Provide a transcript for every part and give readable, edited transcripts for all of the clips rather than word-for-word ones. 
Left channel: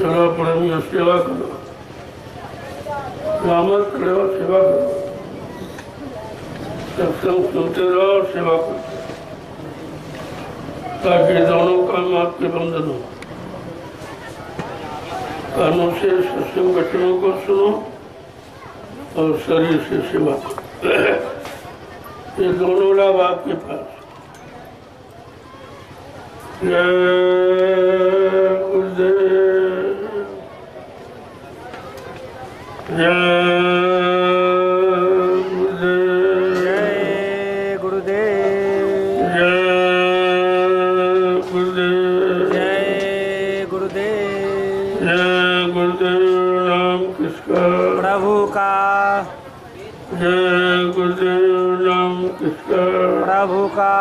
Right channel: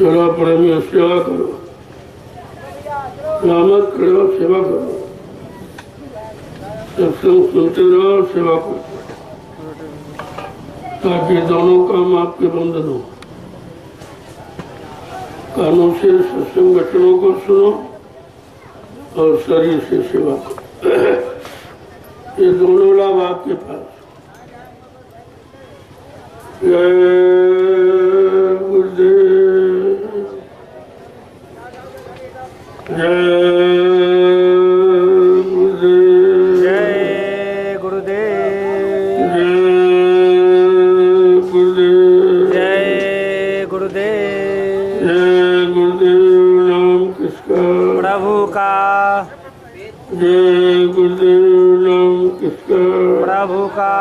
चलो प्रेमियों सेवा करो, रामत करो, सेवा करो, सत्संग सुनते रहो और सेवा करो, ताकि दोनों काम आपके बंधन हो। कानों से सत्संग वचनों को सुनो और शरीर से सेवा करो। ये दोनों लाभ आपके पास। जय गुरुदेव, जय गुरुदेव, जय गुरुदेव, जय गुरुदेव, जय गुरुदेव। जय गुरुदेव। नाम किसका? प्रभु का। जय गुरुदेव। नाम किसका? प्रभु का।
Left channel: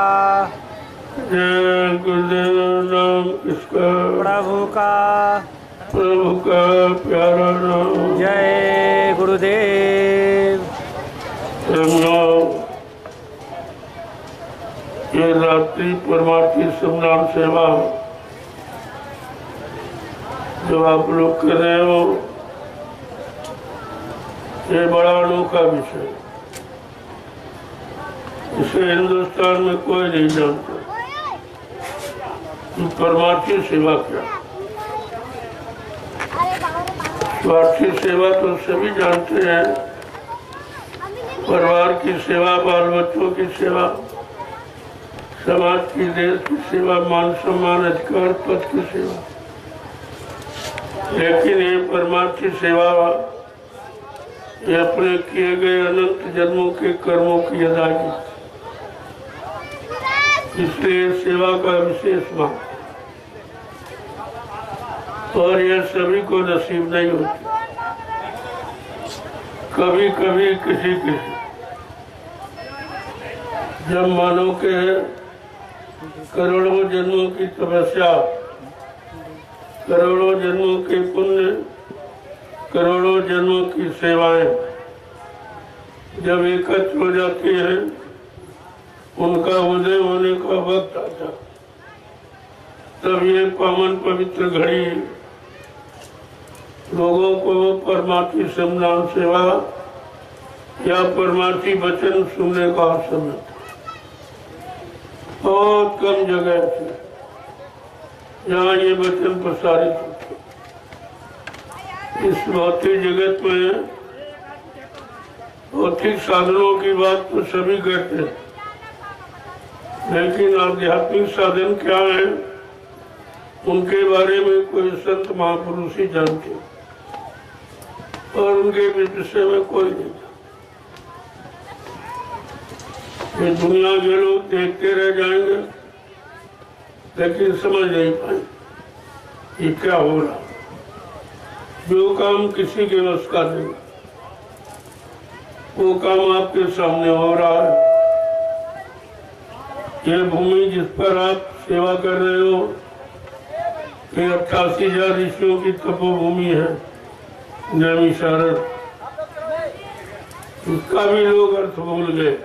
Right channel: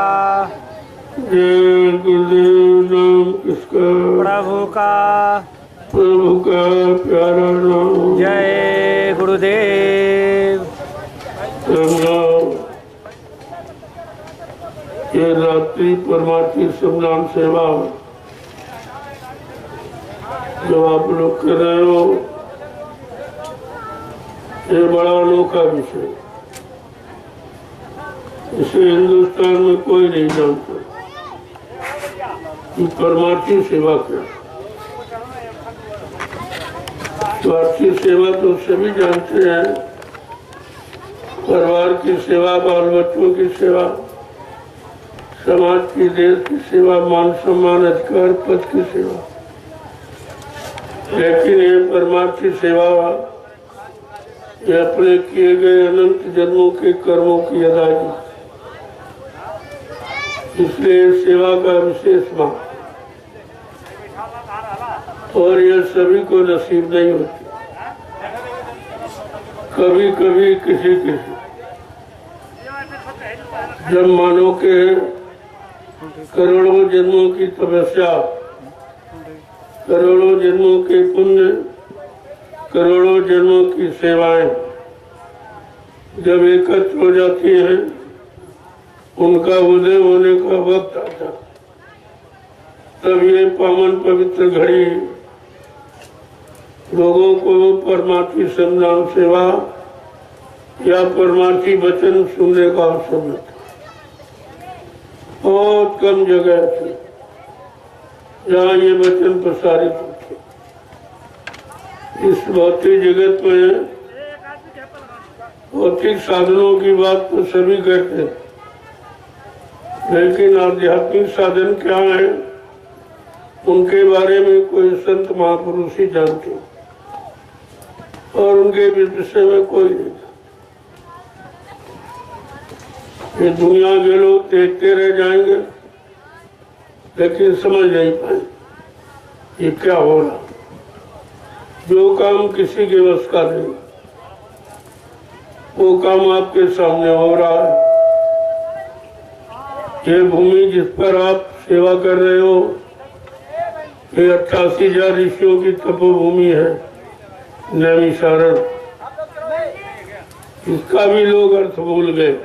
जय गुरुदेव। नाम किसका? प्रभु का। प्रभु का प्यारा नाम। जय गुरुदेव। ये रात्रि परमार्थी सम्मान सेवा जो आप लोग कर रहे हो, ये बड़ा अनोखा विषय। इसे हिंदुस्तान में कोई नहीं जानता कि परमार्थी सेवा क्या। स्वार्थी सेवा तो सभी जानते हैं, परिवार की सेवा, बाल बच्चों की सेवा, समाज की, देश की सेवा, मान सम्मान, अधिकार, पद की सेवा। लेकिन ये परमार्थी सेवा ये अपने किए गए अनंत जन्मों के कर्मों की अदायगी, इसलिए सेवा का विशेष महत्व, और यह सभी को नसीब नहीं होती। कभी कभी किसी किसी, जब मानव के करोड़ों जन्मों की तपस्या, करोड़ों जन्मों के पुण्य, करोड़ों जन्मों की सेवाएं जब एकत्र हो जाती हैं, उनका उदय होने का वक्त आता, तब ये पावन पवित्र घड़ी लोगों को परमार्थी सम्मान सेवा या परमार्थी वचन सुनने का अवसर मिलता। बहुत कम जगह थी जहाँ ये वचन प्रसारित होते। इस भौतिक जगत में भौतिक साधनों की बात तो सभी करते, लेकिन आध्यात्मिक साधन क्या है, उनके बारे में कोई संत महापुरुष ही जानते, और उनके विषय में कोई नहीं। ये दुनिया के लोग देखते रह जाएंगे, लेकिन समझ नहीं पाए ये क्या हो रहा। जो काम किसी के बस का नहीं, वो काम आपके सामने हो रहा है। ये भूमि जिस पर आप सेवा कर रहे हो, ये 88,000 ऋषियों की तपोभूमि है, नैमिषारण्य। इसका भी लोग अर्थ भूल गए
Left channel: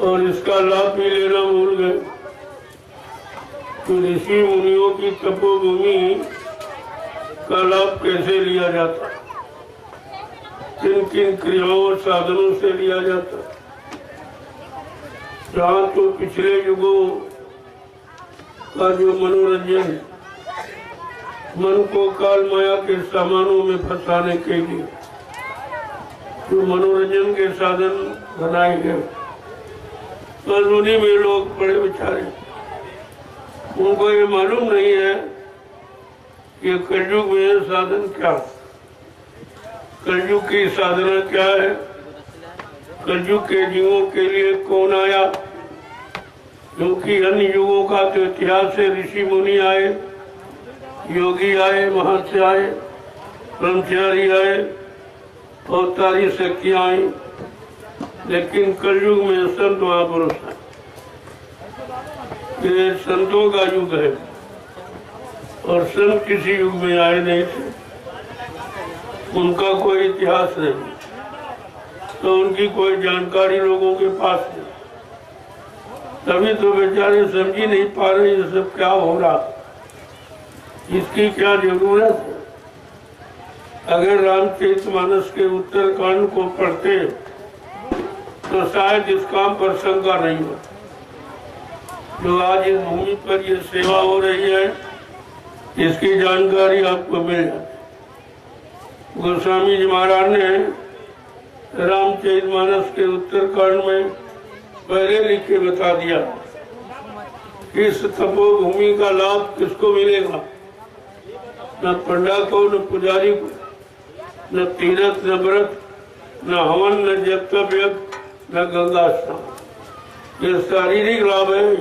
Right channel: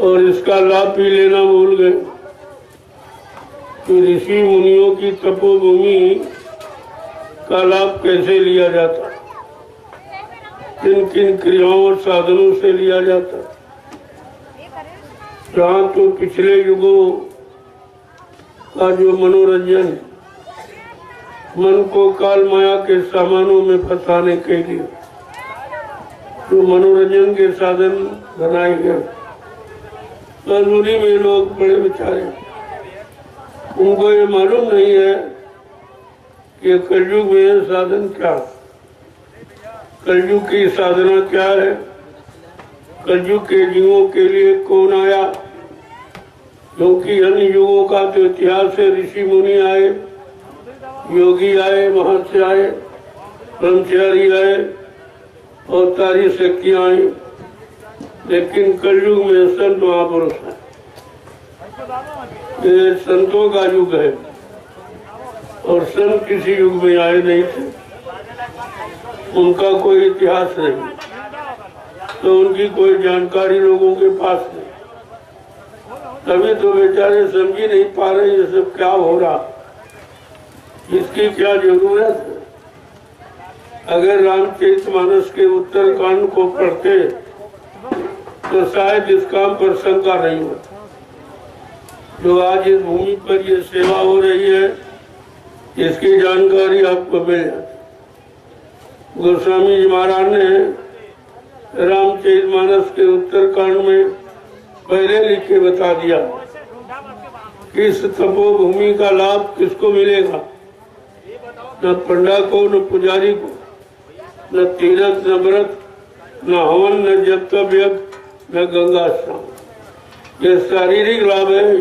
और इसका लाभ भी लेना भूल गए। तो ऋषि मुनियों की तपोभूमि का लाभ कैसे लिया जाता, किन किन क्रियाओं और साधनों से लिया जाता। जहाँ तो पिछले युगों का जो मनोरंजन, मन को काल माया के सामानों में फंसाने के लिए जो मनोरंजन के साधन बनाए गए, मजबूरी में लोग बड़े बेचारे, उनको ये मालूम नहीं है कि कलयुग में साधन क्या, कलयुग की साधना क्या है, कलयुग के जीवों के लिए कौन आया। क्योंकि अन्य युगों का जो इतिहास है, ऋषि मुनि आए, योगी आए, महर्षि आए, ब्रह्मचारी आए, अवतारी शक्तियां आई, लेकिन कलयुग में संत महापुरुष है। ये संतों का युग है, और संत किसी युग में आए नहीं थे, उनका कोई इतिहास नहीं, तो उनकी कोई जानकारी लोगों के पास नहीं। तभी तो बेचारे समझ ही नहीं पा रहे ये सब क्या हो रहा। इसकी क्या जरूरत है? अगर रामचरितमानस के उत्तरकांड को पढ़ते तो शायद इस काम पर शंका नहीं हो। जो आज इस भूमि पर ये सेवा हो रही है, इसकी जानकारी आपको मिल जाती। गोस्वामी जी महाराज ने रामचरितमानस के उत्तरकांड में पहले लिख के बता दिया कि इस तपोभूमि का लाभ किसको मिलेगा। न पंडा को, न पुजारी को, न तीर्थ, न व्रत, न हवन, न जप तप यज्ञ, न गंगा स्नान। ये शारीरिक लाभ है,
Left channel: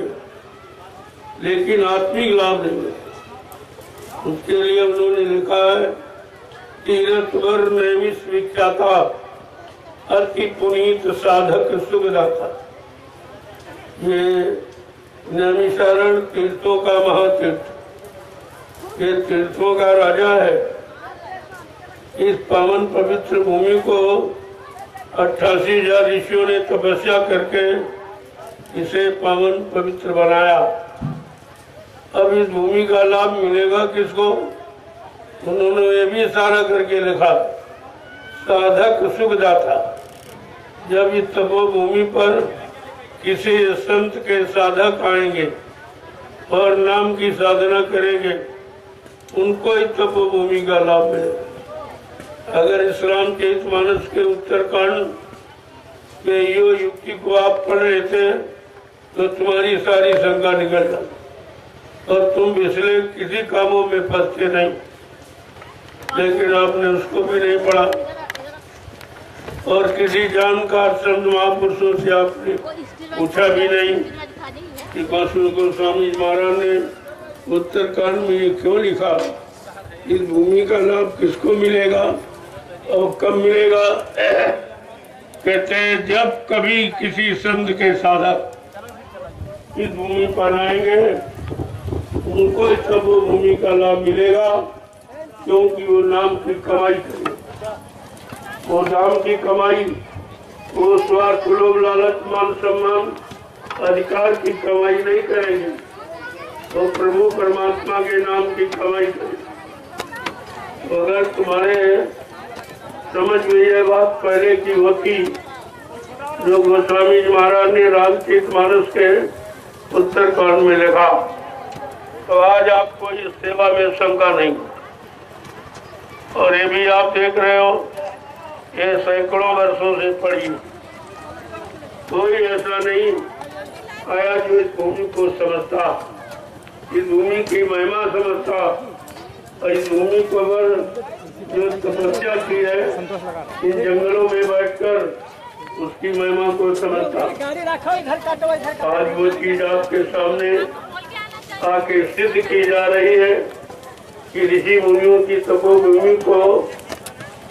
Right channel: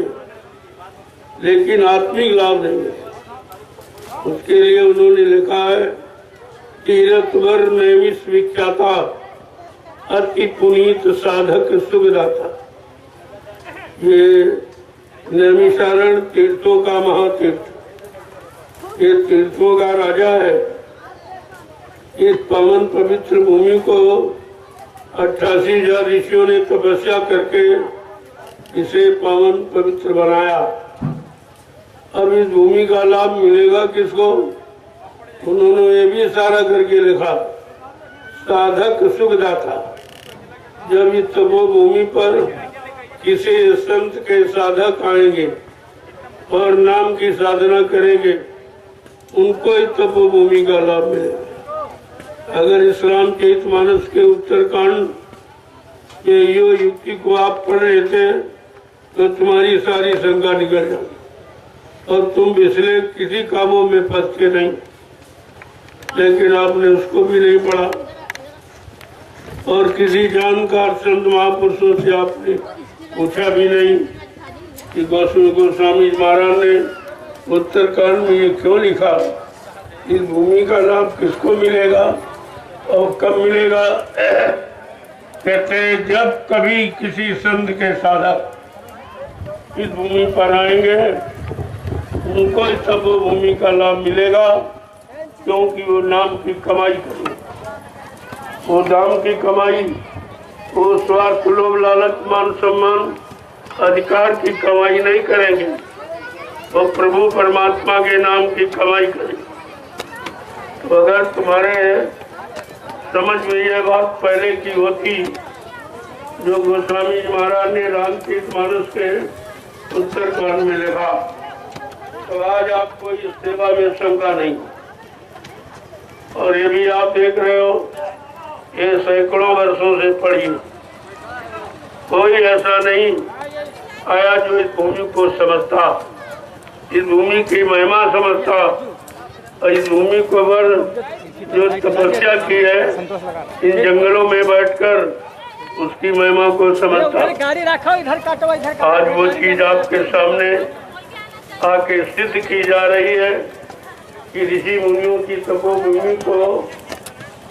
लेकिन आत्मिक लाभ नहीं है। उसके लिए उन्होंने लिखा है, तीर्थ वर नैमिष विख्याता अति पुनीत साधक सुखदाता। ये नैमिषारण तीर्थों का महातीर्थ, ये तीर्थों का राजा है। इस पावन पवित्र भूमि को 88,000 ऋषियों ने तपस्या करके इसे पावन पवित्र बनाया। अब इस भूमि का लाभ मिलेगा किसको? उन्होंने ये भी इशारा करके लिखा, साधक सुखदाता। जब इस तपोभूमि पर किसी संत के साधक आएंगे और नाम की साधना करेंगे, उनको इस तपोभूमि का लाभ मिलेगा। अगर इस रामचरितमानस के उत्तरकांड के यो युक्ति को आप पढ़ रहे थे तो तुम्हारी सारी शंका निकल जाती और तुम पिछले किसी कामों में फंसते नहीं। लेकिन आपने उसको भी नहीं पढ़ा और किसी जानकार संत महापुरुषों से आपने पूछा भी नहीं कि गोस्वामी महाराज ने उत्तरकांड में ये क्यों लिखा, इस भूमि का लाभ किसको मिलेगा और कब मिलेगा। कहते हैं जब कभी किसी संत के साधक इस भूमि पर आएंगे, उनको इस भूमि का लाभ मिलेगा, क्योंकि वो नाम की कमाई करेंगे। वो नाम की कमाई, वो स्वार्थ, लोभ, लालच, मान सम्मान, अधिकार की कमाई नहीं करेंगे, वो प्रभु परमात्मा के नाम की कमाई करेंगे। तो अगर तुम्हारे समझ में यह बात पहले की होती जो गोस्वामी जी महाराज ने रामचरितमानस के उत्तरकांड में लिखा, तो आज आपको इस सेवा में शंका नहीं। और ये भी आप देख रहे हो, ये सैकड़ों वर्षों से पड़ी, कोई ऐसा नहीं आया जो इस भूमि को समझता, इस भूमि की महिमा समझता और इस भूमि को वर जो तपस्या की है इन जंगलों में बैठकर उसकी महिमा को समझता। आज वो चीज आपके सामने आके सिद्ध की जा रही है कि ऋषि मुनियों की तपोभूमि को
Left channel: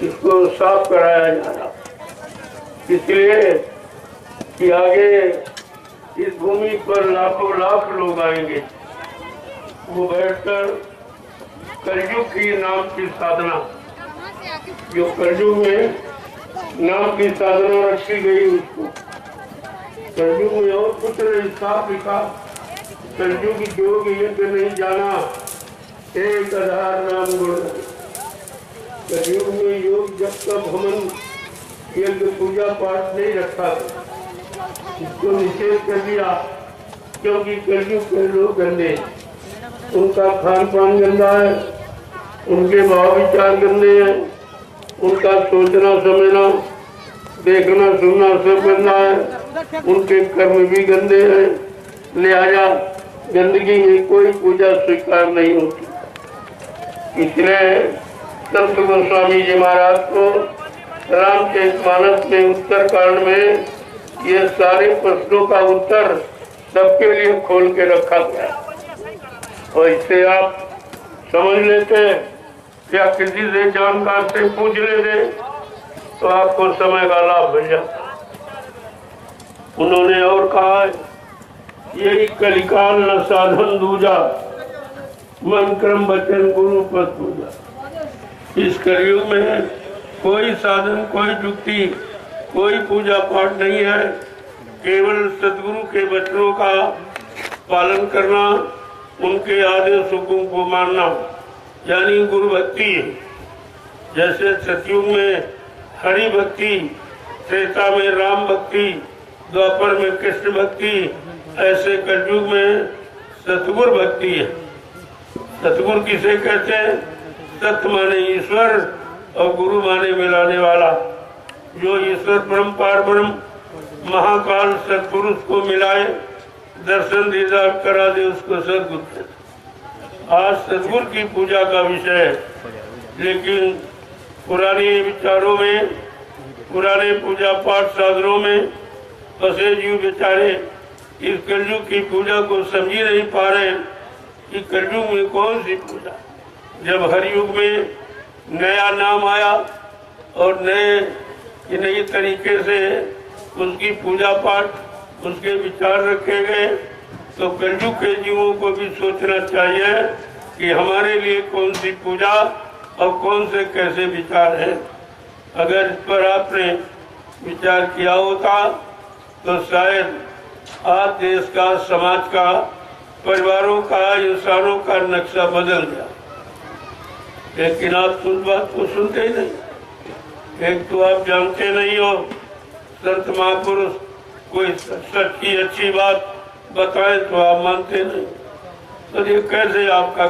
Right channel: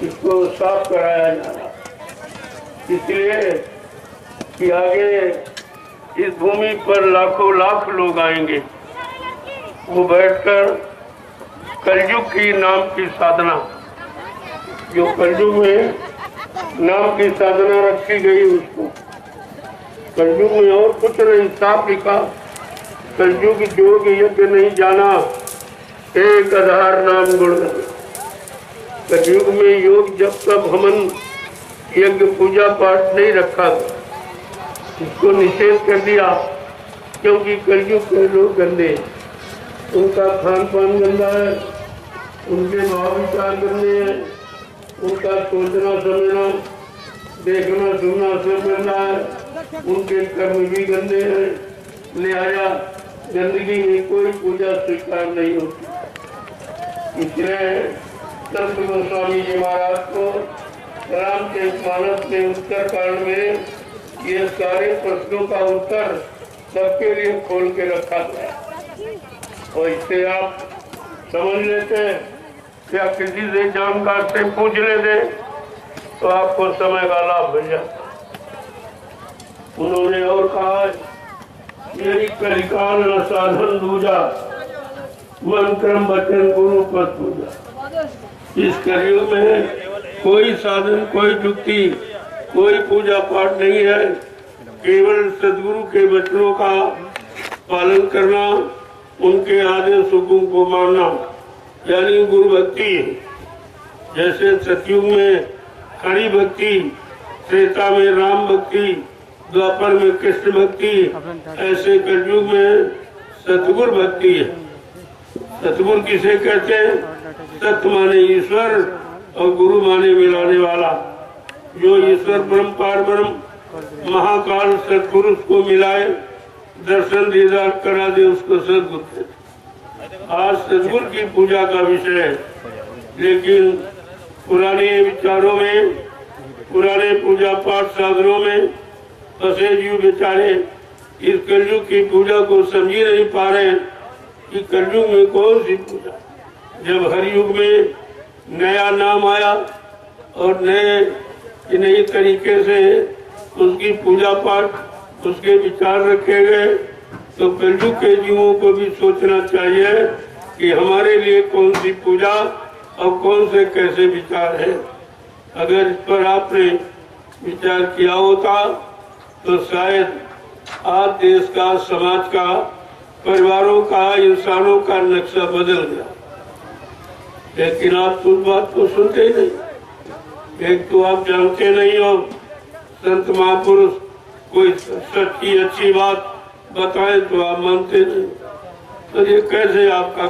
इसको साफ कराया जा रहा, इसलिए कि आगे इस भूमि पर लाखों लाख लोग आएंगे। वो बैठकर कलयुग की नाम की साधना, जो कलयुग में नाम की साधना रखी गई, उसको कलयुग में और कुछ नहीं, साफ लिखा, कलयुग योग यज्ञ नहीं जाना, एक आधार नाम गुण। कलयुग में योग जब तक हमन यज्ञ पूजा पाठ नहीं रखा, इसको निषेध कर दिया, क्योंकि कलयुग के लोग गंदे, उनका खान पान गंदा है, उनके भाव विचार गंदे हैं, उनका सोचना समझना देखना सुनना सब गंदा है, उनके कर्म भी गंदे हैं, लिहाजा गंदगी में कोई पूजा स्वीकार नहीं होती। इसलिए संत गोस्वामी जी महाराज को रामचरितमानस में उत्तरकांड में ये सारे प्रश्नों का उत्तर सबके लिए खोल के रखा गया। और इससे आप समझ लेते या किसी से जानकार से पूछ लेते तो आपको समय का लाभ मिल जाता। उन्होंने और कहा है, यही कलिकाल न साधन दूजा, मन क्रम वचन गुरु पद पूजा। इस कलयुग में कोई साधन, कोई युक्ति, कोई पूजा पाठ नहीं है, केवल सदगुरु के वचनों का पालन करना, उनके आदेशों को मानना, यानी गुरु भक्ति है। जैसे सतयुग में हरि भक्ति, त्रेता में राम भक्ति, द्वापर में कृष्ण भक्ति, ऐसे कलयुग में सतगुरु भक्ति है। सतगुरु किसे कहते हैं? सत माने ईश्वर और गुरु माने मिलाने वाला। जो ईश्वर ब्रह्म पार ब्रह्म महाकाल सतपुरुष को मिलाए, दर्शन दीदार करा दे, उसको सतगुरु कहते हैं। आज सतगुरु की पूजा का विषय है, लेकिन पुराने विचारों में, पुराने पूजा पाठ साधनों में फंसे जीव बेचारे इस कलयुग की पूजा को समझ ही नहीं पा रहे कि कलयुग में कौन सी पूजा। जब हर युग में नया नाम आया और नए तरीके से उसकी पूजा पाठ, उसके विचार रखे गए, तो कलयुग के जीवों को भी सोचना चाहिए कि हमारे लिए कौन सी पूजा और कौन से कैसे विचार है। अगर इस पर आपने विचार किया होता तो शायद आज देश का, समाज का, परिवारों का, इंसानों का नक्शा बदल गया। लेकिन आप तो उस बात को सुनते ही नहीं। एक तो आप जानते नहीं हो, संत महापुरुष कोई सच की अच्छी बात बताए तो आप मानते नहीं। तो ये कैसे आपका?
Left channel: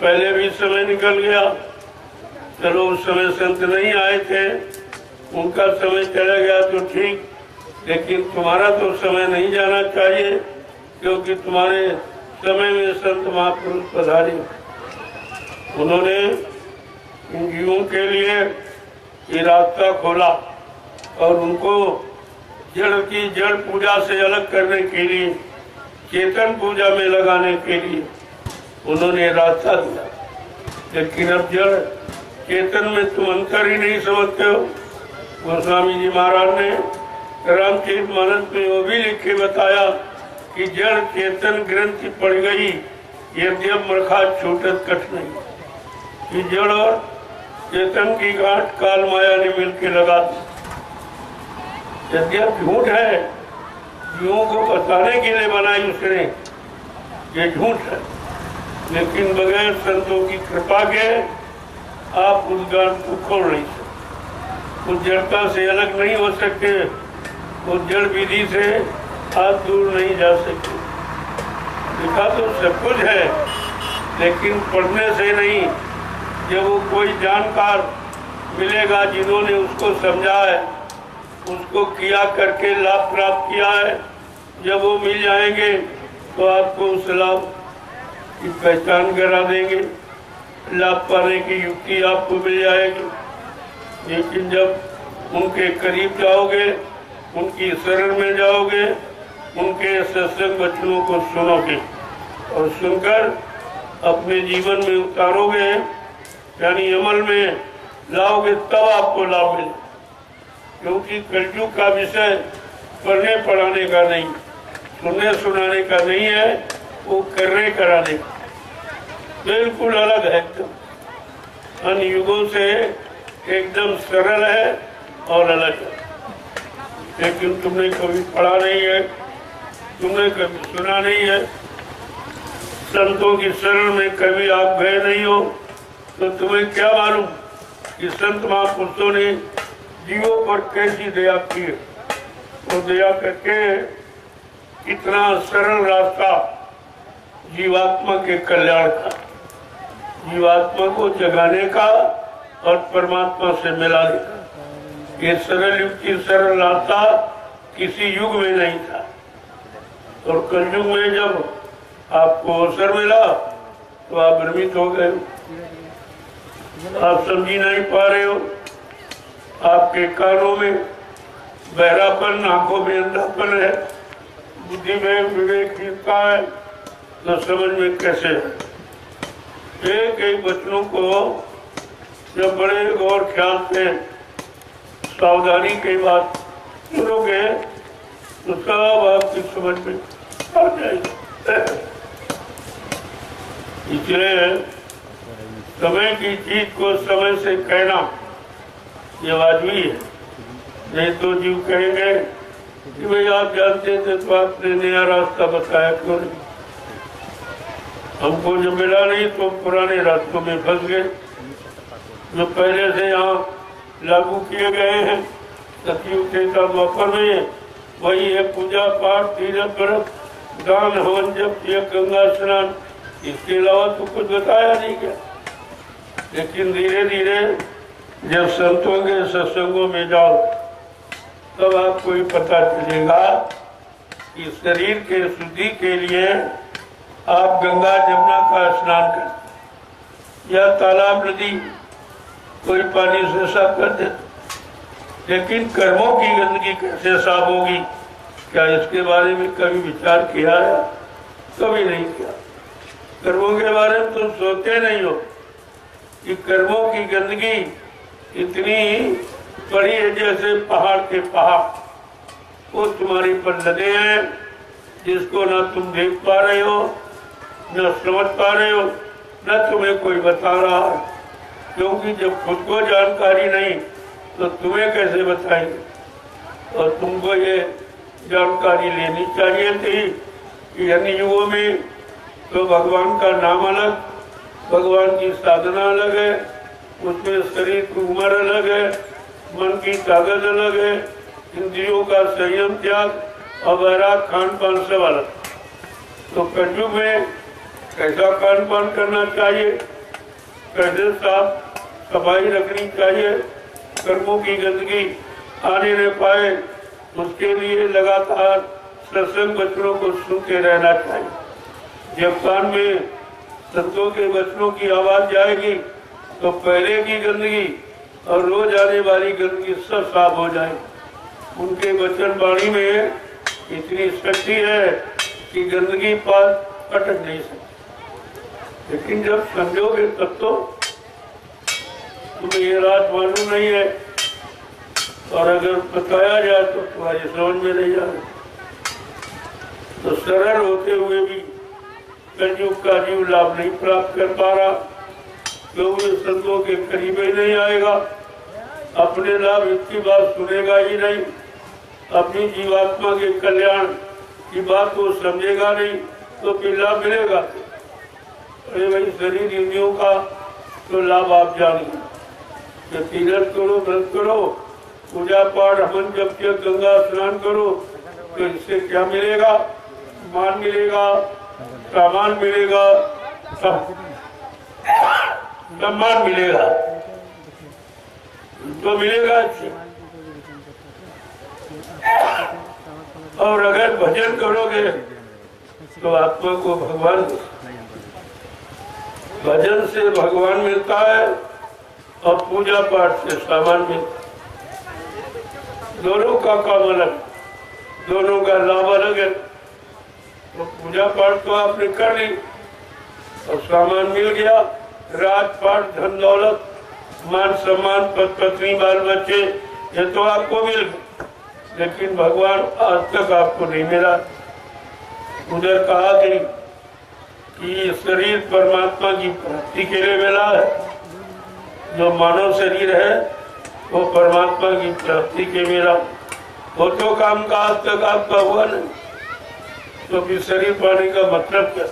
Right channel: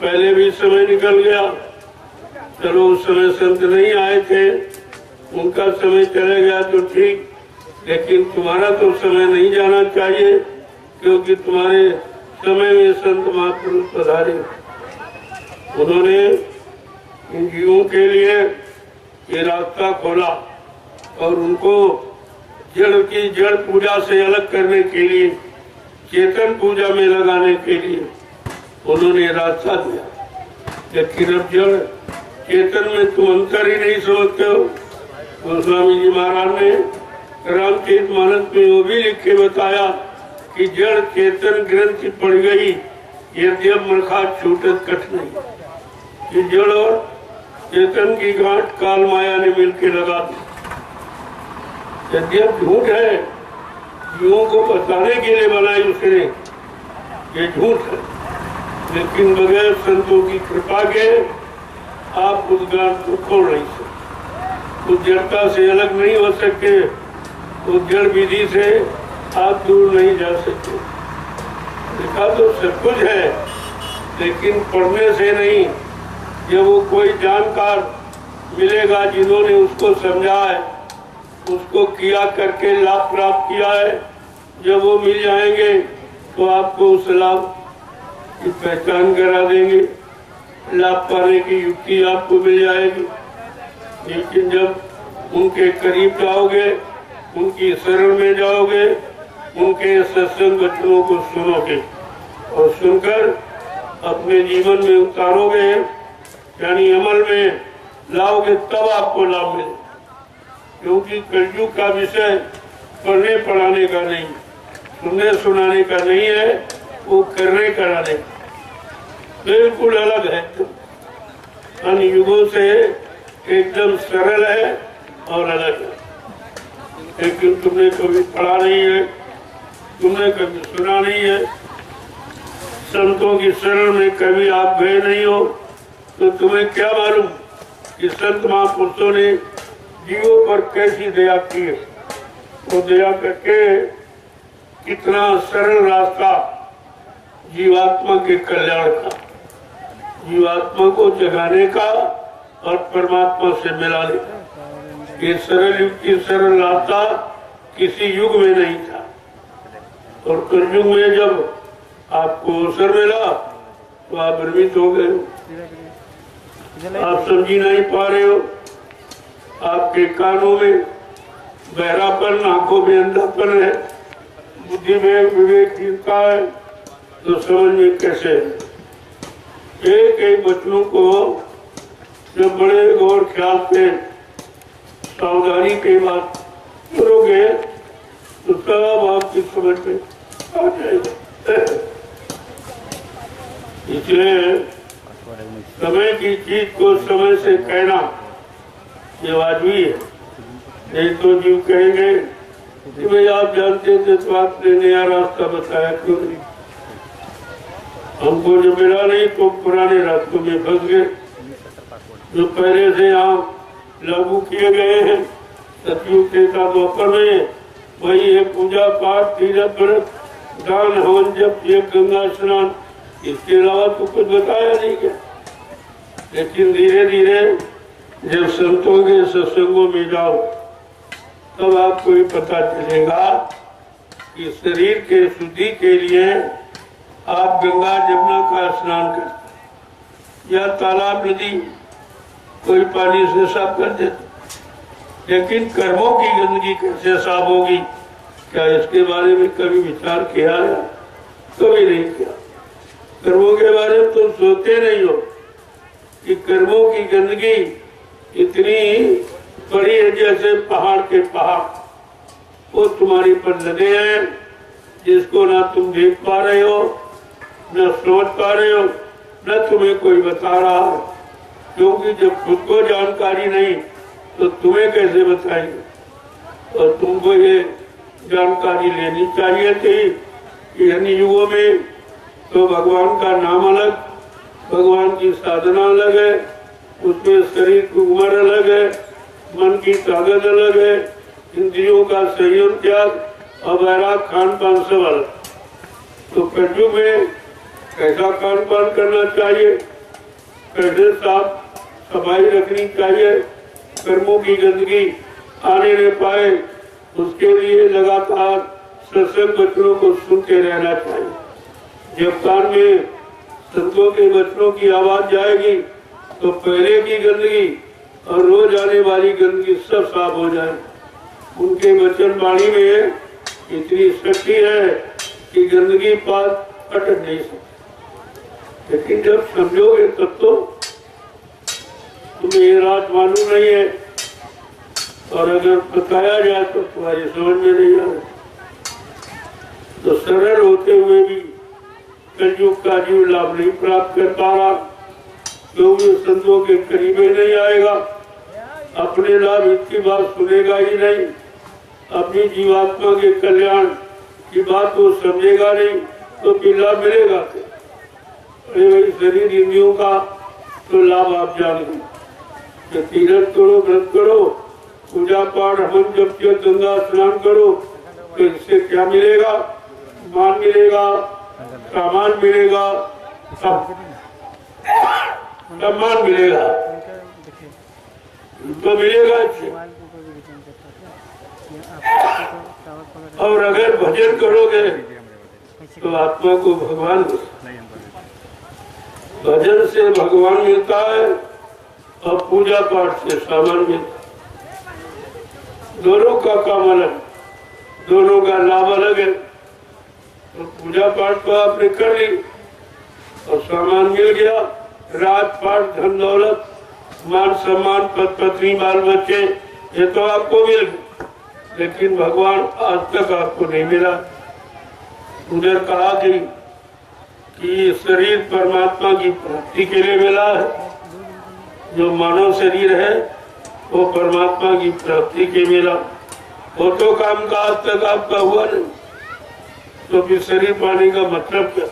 पहले भी समय निकल गया, चलो उस समय संत नहीं आए थे, उनका समय चला गया तो ठीक, लेकिन तुम्हारा तो समय नहीं जाना चाहिए, क्योंकि तुम्हारे समय में संत महापुरुष पधारे। उन्होंने इन जीवों के लिए ये रास्ता खोला और उनको जड़ की जड़ पूजा से अलग करने के लिए, चेतन पूजा में लगाने के लिए उन्होंने रास्ता दिया। लेकिन अब जड़ चेतन में तुम अंतर ही नहीं समझते हो। गोस्वामी जी महाराज ने रामचरितमानस में वो भी लिख के बताया कि जड़ चेतन ग्रंथि पड़ गई, यद्यप मरखा छूटत कठ नहीं। कि जड़ और चेतन की गांठ काल माया ने मिलकर लगा दी। यद्यप झूठ है, जीवों को बताने के लिए बनाई उसने, ये झूठ है, लेकिन बगैर संतों की कृपा के आप उस गांठ को खोल नहीं सकते। उस जड़ता से अलग नहीं हो सकते, उस जड़ विधि से आप दूर नहीं जा सकते। लिखा तो सब कुछ है, लेकिन पढ़ने से नहीं। जब वो कोई जानकार मिलेगा जिन्होंने उसको समझा है, उसको किया करके लाभ प्राप्त किया है, जब वो मिल जाएंगे तो आपको उस लाभ की पहचान करा देंगे, लाभ पाने की युक्ति आपको मिल जाएगी। लेकिन जब उनके करीब जाओगे, उनकी शरण में जाओगे, उनके सत्संग वचनों को सुनोगे और सुनकर अपने जीवन में उतारोगे, यानी अमल में लाओगे, तब आपको लाभ मिले। क्योंकि कलयुग का विषय पढ़ने पढ़ाने का नहीं, सुनने सुनाने का नहीं है, वो करने कराने बिल्कुल अलग है। अन्य युगों से एकदम सरल है और अलग है। लेकिन तुमने कभी पढ़ा नहीं है, तुमने कभी सुना नहीं है, संतों की शरण में कभी आप गए नहीं हो, तो तुम्हें क्या मालूम कि संत महापुरुषों ने जीवों पर कैसी दया की है। वो दया करके कितना सरल रास्ता जीवात्मा के कल्याण का, जीवात्मा को जगाने का और परमात्मा से मिलाने का। ये सरल युग की सरल रास्ता किसी युग में नहीं था। और कलयुग में जब आपको अवसर मिला तो आप भ्रमित हो गए, आप समझी नहीं पा रहे हो, आपके कानों में बहरापन, आंखों में अंधापन है, बुद्धि में विवेकहीनता है, तो समझ में कैसे है। एक एक वचनों को जब बड़े गौर ख्याल से सावधानी के बाद सुनोगे तो सब आपकी समझ में आ जाएगा। इसलिए समय की चीज को समय से कहना ये वाजिबी है। नहीं तो जीव कहेंगे कि भाई आप जानते थे तो आपने नया रास्ता बताया क्यों नहीं। हमको जो मिला नहीं तो पुराने रास्तों में फंस गए, जो पहले से यहाँ लागू किए गए हैं सतयुग त्रेता द्वापर में, वही है पूजा पाठ तीर्थ व्रत दान हवन जप ये गंगा स्नान। इसके अलावा तो कुछ बताया नहीं गया। लेकिन धीरे धीरे जब संतों के सत्संगों में जाओ तब आपको ये पता चलेगा कि शरीर के शुद्धि के लिए आप गंगा जमुना का स्नान करते या तालाब नदी कोई पानी से साफ कर देते, लेकिन कर्मों की गंदगी कैसे साफ होगी, क्या इसके बारे में कभी विचार किया है? कभी नहीं किया। कर्मों के बारे में तुम सोचते नहीं हो कि कर्मों की गंदगी इतनी बड़ी है जैसे पहाड़ के पहाड़, वो तुम्हारी पर लगे हैं, जिसको ना तुम देख पा रहे हो, न समझ पा रहे हो, न तुम्हें कोई बता रहा है। क्योंकि जब खुद को जानकारी नहीं तो तुम्हें कैसे बताएंगे। और तुमको ये जानकारी लेनी चाहिए थी कि अन्य युगों में तो भगवान का नाम अलग, भगवान की साधना अलग है, उसमें शरीर की उम्र अलग है, मन की ताकत अलग है, इंद्रियों का संयम त्याग और वैराग खान पान सब अलग। तो कलयुग में कैसा खान पान करना चाहिए, कैसे साफ सफाई रखनी चाहिए, कर्मों की गंदगी आने न पाए, उसके लिए लगातार सत्संग वचनों को सुनते रहना चाहिए। जब कान में संतों के वचनों की आवाज जाएगी तो पहले की गंदगी और रोज आने वाली गंदगी सब साफ हो जाए। उनके वचन वाणी में इतनी शक्ति है कि गंदगी पास अटक नहीं सकती। लेकिन जब समझोगे तब तो तुम्हें ये रात मालूम नहीं है, और अगर बताया जाए तो तुम्हारी समझ में नहीं आए। तो सरल होते हुए भी कलयुग का जीव लाभ नहीं प्राप्त कर पा रहा, क्योंकि संतों के करीब ही नहीं आएगा, अपने लाभ इसकी बात सुनेगा ही नहीं, अपनी जीवात्मा के कल्याण की बात को समझेगा नहीं, तो फिर लाभ मिलेगा। अरे भाई शरीर इंद्रियों का तो लाभ आप जानेंगे, तीर्थ करो, व्रत करो, पूजा पाठ हवन जप गंगा स्नान करो, तो इससे क्या मिलेगा? मान मिलेगा, सामान मिलेगा, सम्मान मिलेगा, तो मिलेगा अच्छे। और अगर भजन करोगे तो आत्मा को भगवान, भजन से भगवान मिलता है और पूजा पाठ से सामान मिलता है। दोनों का काम अलग, दोनों का लाभ अलग है। तो पूजा पाठ तो आपने कर ली और सामान मिल गया, राजपाट धन दौलत मान सम्मान पद पत्नी बाल बच्चे ये तो आपको मिल गए, लेकिन भगवान आज तक आपको नहीं मिला। उधर कहा गई कि शरीर परमात्मा की प्राप्ति के लिए मिला है, जो मानव शरीर है वो परमात्मा की प्राप्ति के मिला, वो तो काम का आज तक आपका हुआ नहीं। तो फिर शरीर पाने का मतलब क्या?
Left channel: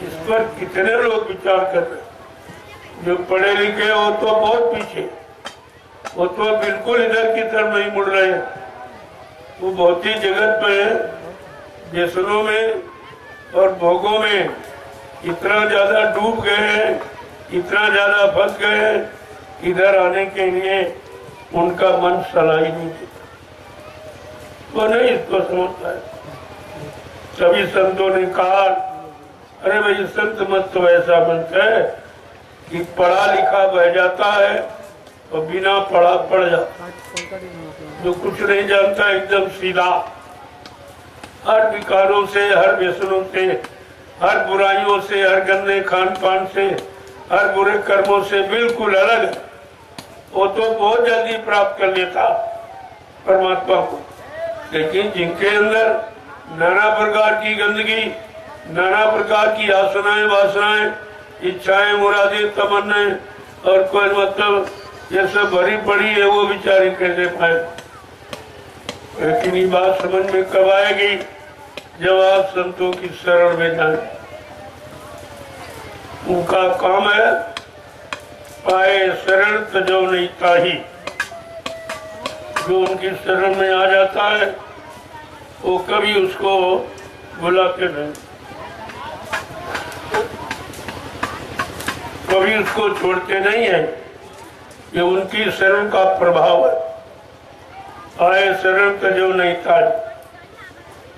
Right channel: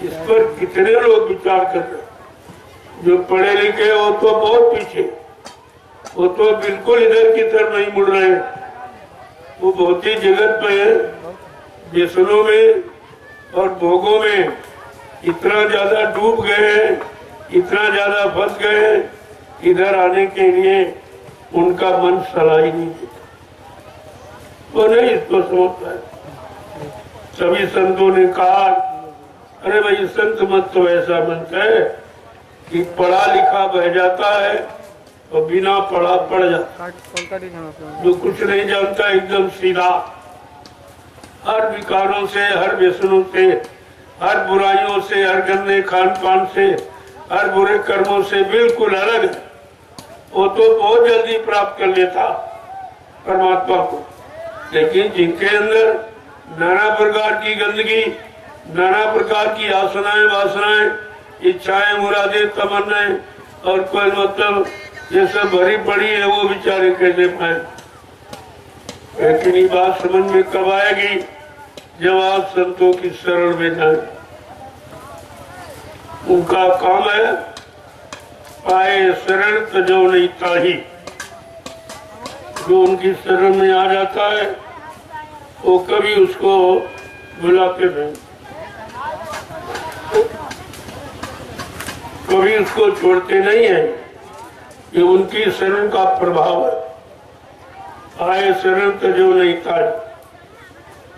इस पर कितने लोग विचार कर रहे हैं। जो पढ़े लिखे वो तो बहुत पीछे, वो तो बिल्कुल इधर की तरफ नहीं मुड़ रहे, वो भौतिक जगत में व्यसनों में और भोगों में इतना ज्यादा डूब गए हैं, इतना ज्यादा फंस गए हैं, इधर आने के लिए उनका मन सलाई नहीं देता, वो नहीं इसको समझता है। सभी संतों ने कहा अरे भाई संत मत तो ऐसा बनता है कि पढ़ा लिखा बह जाता है और बिना पढ़ा पड़ जाता, जो कुछ नहीं जानता एकदम सीधा, हर विकारों से, हर व्यसनों से, हर बुराइयों से, हर गंदे खान पान से, हर बुरे कर्मों से बिल्कुल अलग है। वो तो बहुत जल्दी प्राप्त कर लेता परमात्मा को, लेकिन जिनके अंदर नाना प्रकार की गंदगी, नाना प्रकार की आसनाएं, वासनाएं, इच्छाएं, मुरादें, तमन्नाएं और कोई मतलब ये सब भरी पड़ी है, वो बेचारे कैसे पाए। लेकिन ये बात समझ में कब आएगी? जब आप संतों की शरण में जाए, उनका काम है पाए शरण तजो नहीं ताही। जो उनकी शरण में आ जाता है वो कभी उसको बुलाते नहीं, कभी उसको छोड़ते नहीं है। ये उनकी शरण का प्रभाव है। आए शरण तजो नहीं ताही,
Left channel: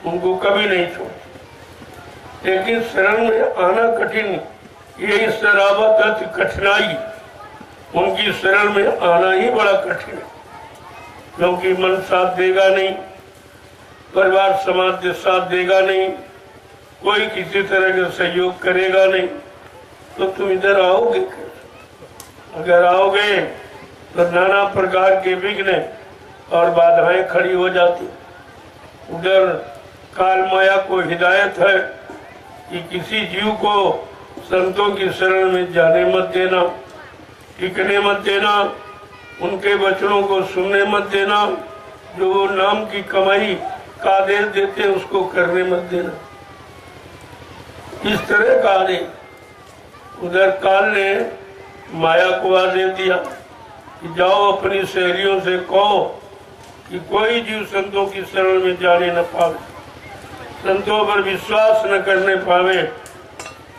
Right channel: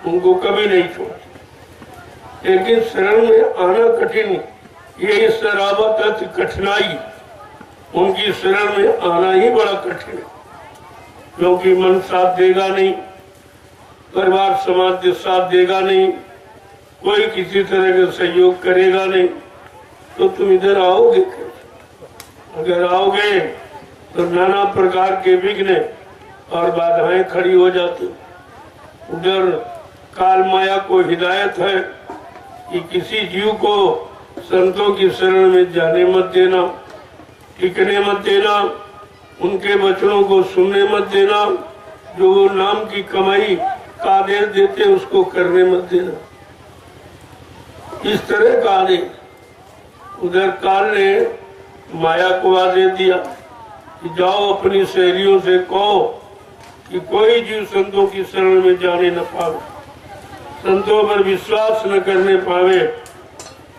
उनको कभी नहीं छोड़ते। लेकिन शरण में आना कठिन, ये शराबत अति कठिनाई। उनकी शरण में आना ही बड़ा कठिन है, क्योंकि मन साथ देगा नहीं, परिवार समाज साथ देगा नहीं, कोई किसी तरह का सहयोग करेगा नहीं, तो तुम इधर आओगे। अगर आओगे तो नाना प्रकार के विघ्न और बाधाएं खड़ी हो जाती। उधर काल माया को हिदायत है कि किसी जीव को संतों की शरण में जाने मत देना, टिकने मत देना, उनके वचनों को सुनने मत देना, जो वो नाम की कमाई का आदेश देते हैं उसको करने मत देना। इस तरह का आदेश उधर काल ने माया को आदेश दिया कि जाओ अपनी सहेलियों से कहो कि कोई जीव संतों की शरण में जाने न पावे, संतों पर विश्वास न करने पावे,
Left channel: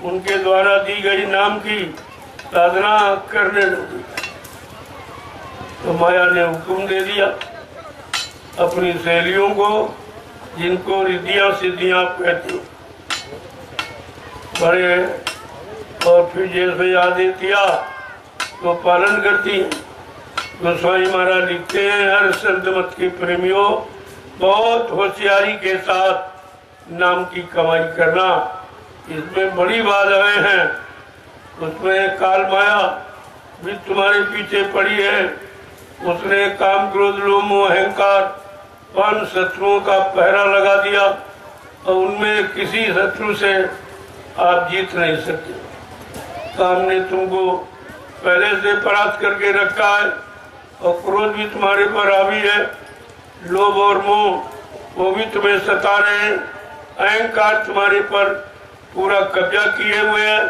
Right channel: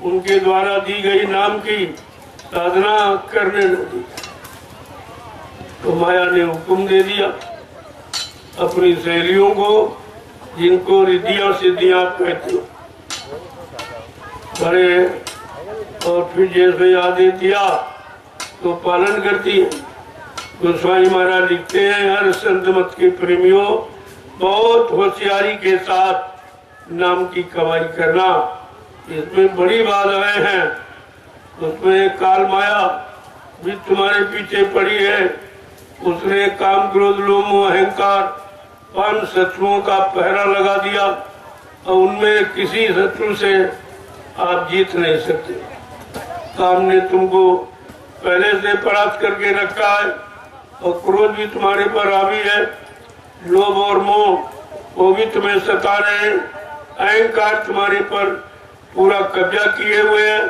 उनके द्वारा दी गई नाम की साधना करने न दी। तो माया ने हुक्म दे दिया अपनी सहेलियों को, जिनको रिद्धियां सिद्धियां कहते हो, बड़े और फिर जैसे आदेश दिया तो पालन करती है। गोस्वामी महाराज लिखते हैं, हर संत मत के प्रेमियों, बहुत होशियारी के साथ नाम की कमाई करना, इसमें बड़ी बाधाएं हैं। उसमें काल माया भी तुम्हारे पीछे पड़ी है। उसने काम क्रोध लोभ मोह अहंकार 5 शत्रुओं का पहरा लगा दिया और उनमें किसी शत्रु से आप जीत नहीं सकते। काम ने तुमको पहले से परास्त करके रखा है और क्रोध भी तुम्हारे पर हावी है, लोभ और मोह वो भी तुम्हें सता रहे हैं, अहंकार तुम्हारे पर पूरा कब्जा किए हुए हैं।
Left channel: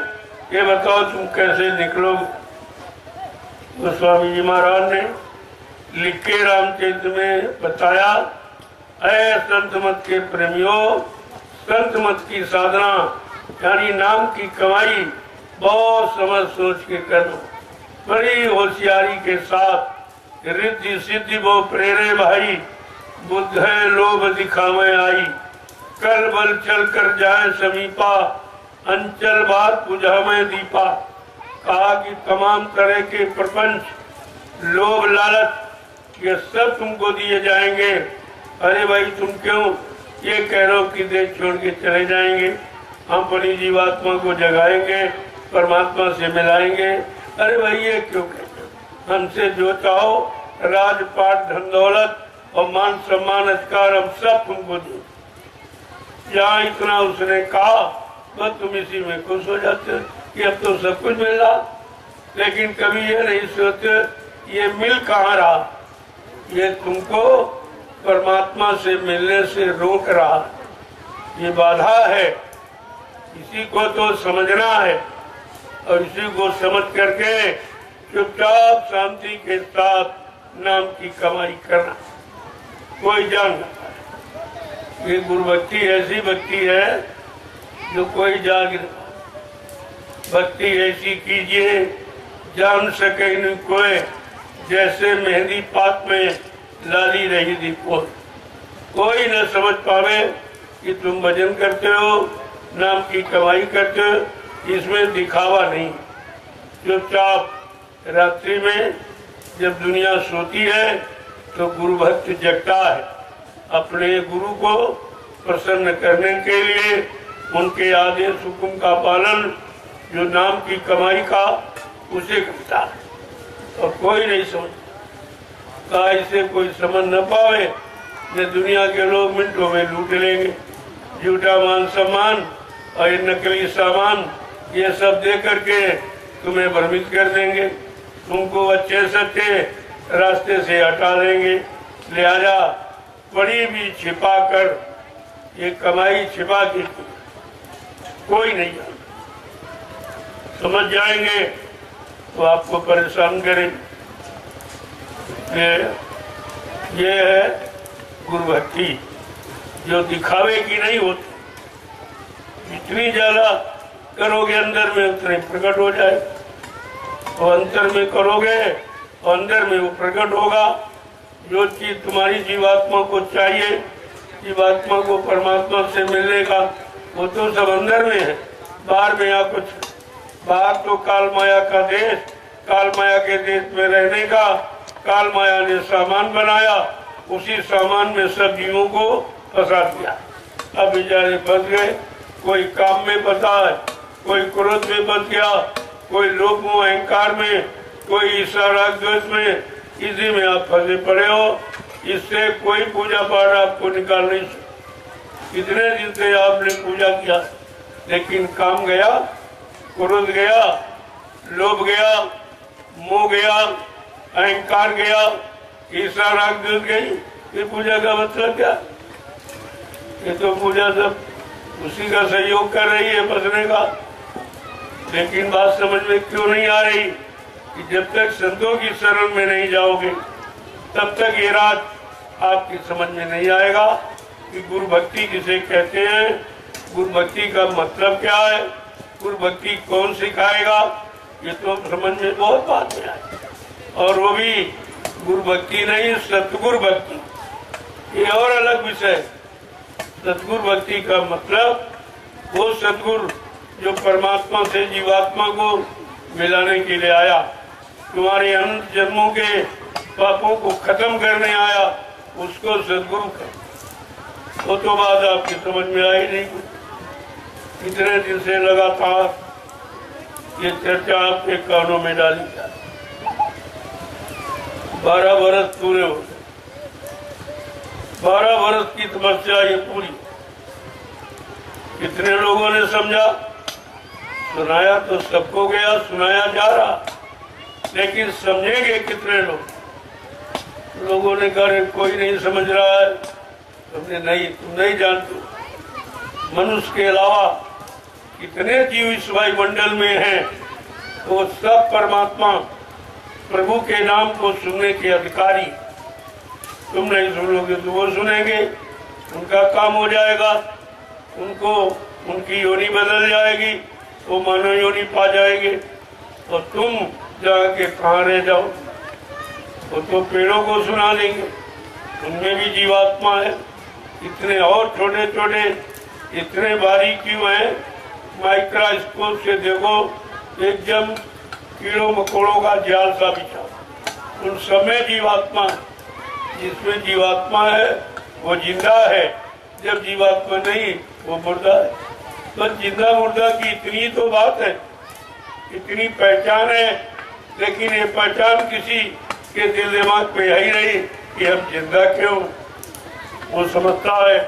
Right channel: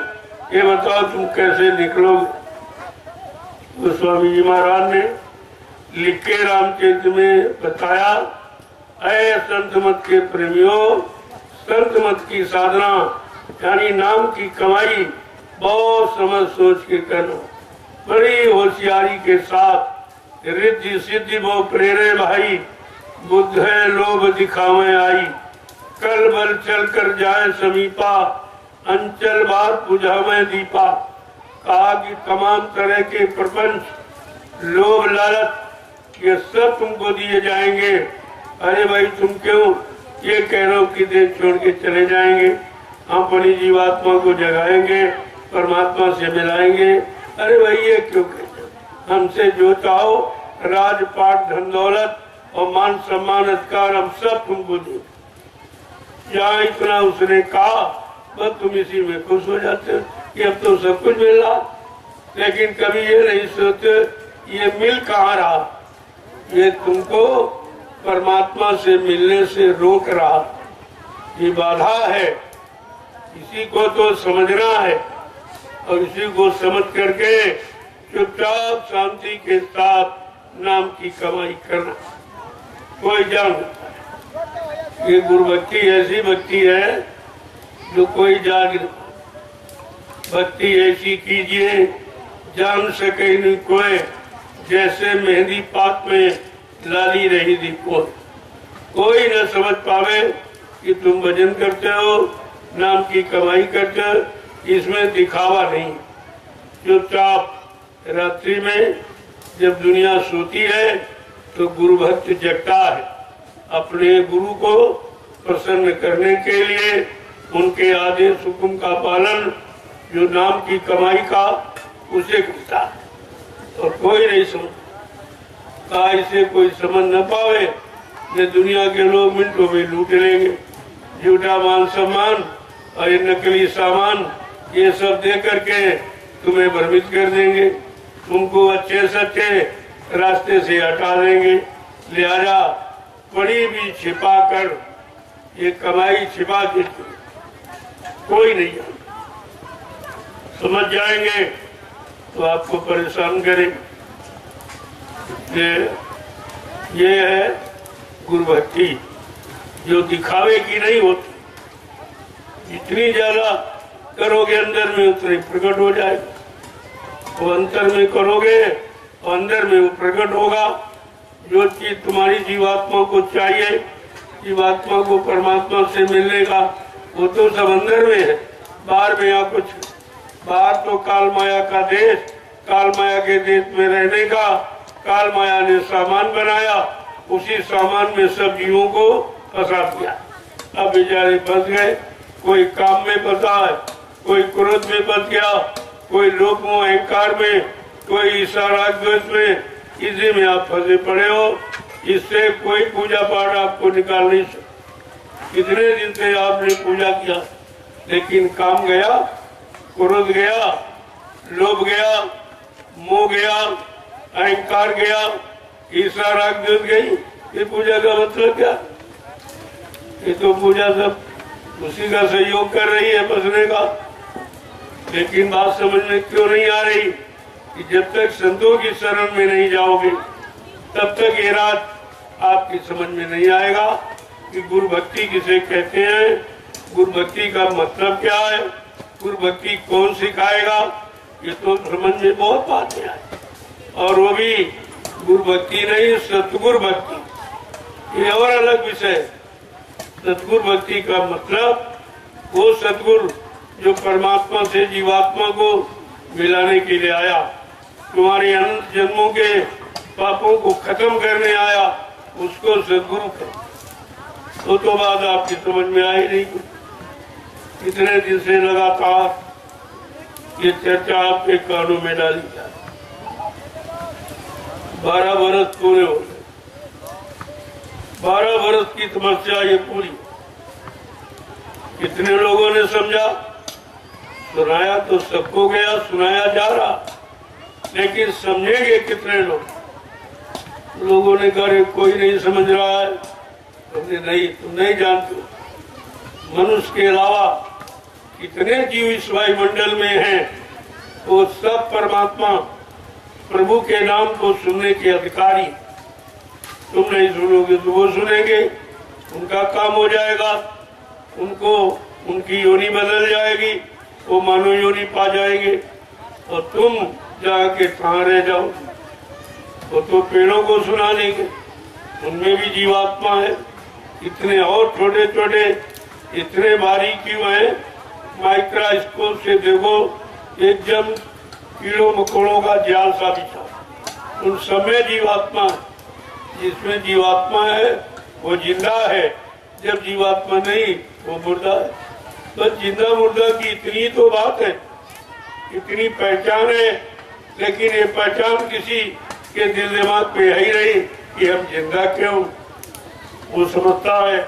ये बताओ तुम कैसे निकलोगे। तो स्वामी जी महाराज ने लिख के रामचरित्र में बताया, ऐ संत मत के प्रेमियों, संत मत की साधना यानी नाम की कमाई बहुत समझ सोच के करना, बड़ी होशियारी के साथ। रिद्धि सिद्धि वो प्रेरे भाई, बुद्ध है लोभ दिखावे आई, कल बल चल कर जाए समीपा, अंचल बार बुझावे दीपा। कहा कि तमाम तरह के प्रपंच लोभ लालच ये सब तुमको दिए जाएंगे। अरे भाई तुम क्यों ये कह रहे हो कि देश छोड़ के चले जाएंगे, हम अपनी जीवात्मा को जगाएंगे, परमात्मा से मिलाएंगे। अरे भाई ये क्यों कहते हो? हमसे जो चाहो राजपाट धन दौलत और मान सम्मान अधिकार हम सब तुमको दे। जहाँ इतना उसने कहा बस तुम इसी में खुश हो जाते हो कि अब तो सब कुछ मिल रहा, लेकिन कभी ये नहीं सोचते ये मिल कहाँ रहा, ये तुमको परमात्मा से मिलने से रोक रहा, ये बाधा है। इसी को तो समझना है और इसी को समझ करके चुपचाप शांति के साथ नाम की कमाई करना। कोई जान ये गुरु भक्ति ऐसी भक्ति है जो कोई जान नहीं। भक्ति ऐसी कीजिए जान सके नहीं कोई, जैसे मेहंदी पात में लाली रही थी कोई न समझ पावे कि तुम भजन करते हो, नाम की कमाई करते हो, इसमें दिखावा नहीं। चुपचाप रात्रि में जब दुनिया सोती है तो गुरु भक्त जगता है, अपने गुरु को प्रसन्न करने के लिए उनके आदेश हुक्म का पालन, जो नाम की कमाई का उसे करता है। और कोई नहीं समझता, इसे कोई समझ न पावे, ये दुनिया के लोग मिनटों में लूट लेंगे। झूठा मान सम्मान और ये नकली सामान ये सब दे करके तुम्हें भ्रमित कर देंगे, तुमको अच्छे सच्चे रास्ते से हटा देंगे। लिहाजा बड़ी भी छिपा कर ये कमाई छिपा के कोई नहीं जानता। समझ जाएंगे तो आपको परेशान करें। ये है गुरु भक्ति, जो दिखावे की नहीं होती। जितनी ज्यादा करोगे अंदर में उतने प्रकट हो जाए, और अंतर में करोगे और अंदर में वो प्रकट होगा। जो चीज तुम्हारी जीवात्मा को चाहिए, जीवात्मा को परमात्मा से मिलने का, वो तो सब अंदर में है। बाहर में या कुछ, बाहर तो काल माया का देश, काल माया के देश में रहने का काल माया ने सामान बनाया, उसी सामान में सब जीवों को फंसा दिया। अब बेचारे फंस गए, कोई काम में फंसा है, कोई क्रोध में फंस गया, कोई लोभ मोह अहंकार में, कोई ईर्ष्या राग द्वेष में, इसी में आप फंसे पड़े हो। इससे कोई पूजा पाठ आपको निकाल नहीं सकता। कितने दिन से आपने पूजा किया, लेकिन काम गया, क्रोध गया, लोभ गया, मोह गया, अहंकार गया, ईर्ष्या राग द्वेष गई। ये पूजा का मतलब क्या? ये तो पूजा सब उसी का सहयोग कर रही है बसने का। लेकिन बात समझ में क्यों नहीं आ रही कि जब तक संतों की शरण में नहीं जाओगे, तब तक ये रात आपकी समझ में नहीं आएगा कि गुरु भक्ति किसे कहते हैं, गुरु भक्ति का मतलब क्या है, गुरु भक्ति कौन सिखाएगा। ये तो समझ में बहुत बातें आए, और वो भी गुरु भक्ति नहीं, सतगुरु भक्ति, ये और अलग विषय। सतगुरु भक्ति का मतलब वो सतगुरु जो परमात्मा से जीवात्मा को मिलाने के लिए आया, तुम्हारे अनंत जन्मों के पापों को खत्म करने आया, उसको सतगुरु कर। वो तो बात आपकी समझ में आई नहीं। कितने दिन से लगातार ये चर्चा आपके कानों में डाली जाए। 12 वर्ष पूरे हो गए, 12 वर्ष की तपस्या ये पूरी। कितने लोगों ने समझा, सुनाया तो सबको गया, सुनाया जा रहा, लेकिन समझेंगे कितने लोग? लोगों ने कहा कोई नहीं समझ रहा है। हमने नहीं, तुम नहीं जानते, मनुष्य के अलावा कितने जीव इस वायुमंडल में हैं, वो सब परमात्मा प्रभु के नाम को सुनने के अधिकारी। तुम नहीं सुनोगे तो वो सुनेंगे, उनका काम हो जाएगा, उनको उनकी योनि बदल जाएगी, वो मानव योनि पा जाएंगे, और तुम जाके कहाँ रह जाओ। वो तो पेड़ों को सुना देंगे, उनमें भी जीवात्मा है। इतने और छोटे छोटे, इतने बारीक क्यों है, माइक्रोस्कोप से देखो, एकदम कीड़ों मकोड़ों का जाल सा बिछा, उन सब में जीवात्मा। जिसमें जीवात्मा है वो जिंदा है, जब जीवात्मा नहीं वो मुर्दा है। तो जिंदा मुर्दा की इतनी तो बात है, इतनी पहचान है, लेकिन ये पहचान किसी के दिल दिमाग पे है ही नहीं कि हम जिंदा क्यों। वो समझता है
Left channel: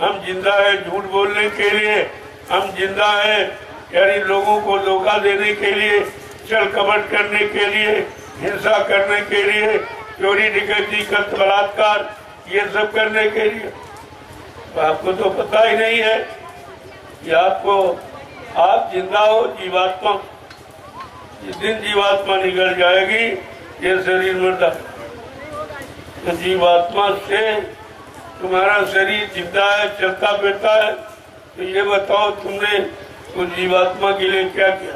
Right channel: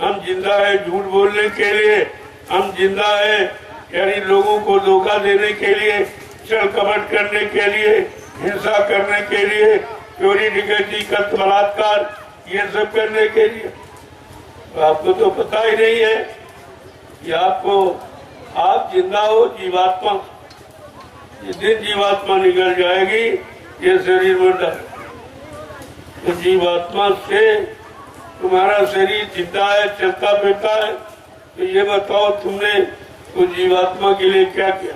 हम जिंदा है झूठ बोलने के लिए, हम जिंदा है यानी लोगों को धोखा देने के लिए, छल कपट करने के लिए, हिंसा करने के लिए, चोरी डकैती कत्ल बलात्कार ये सब करने के लिए। तो आपको तो पता ही नहीं है कि आप जिंदा हो जीवात्मा। जिस दिन जीवात्मा निकल जाएगी ये शरीर मुर्दा है। तो जीवात्मा से तुम्हारा शरीर जिंदा है, चलता फिरता है। तो ये बताओ तुमने उस जीवात्मा के लिए क्या किया?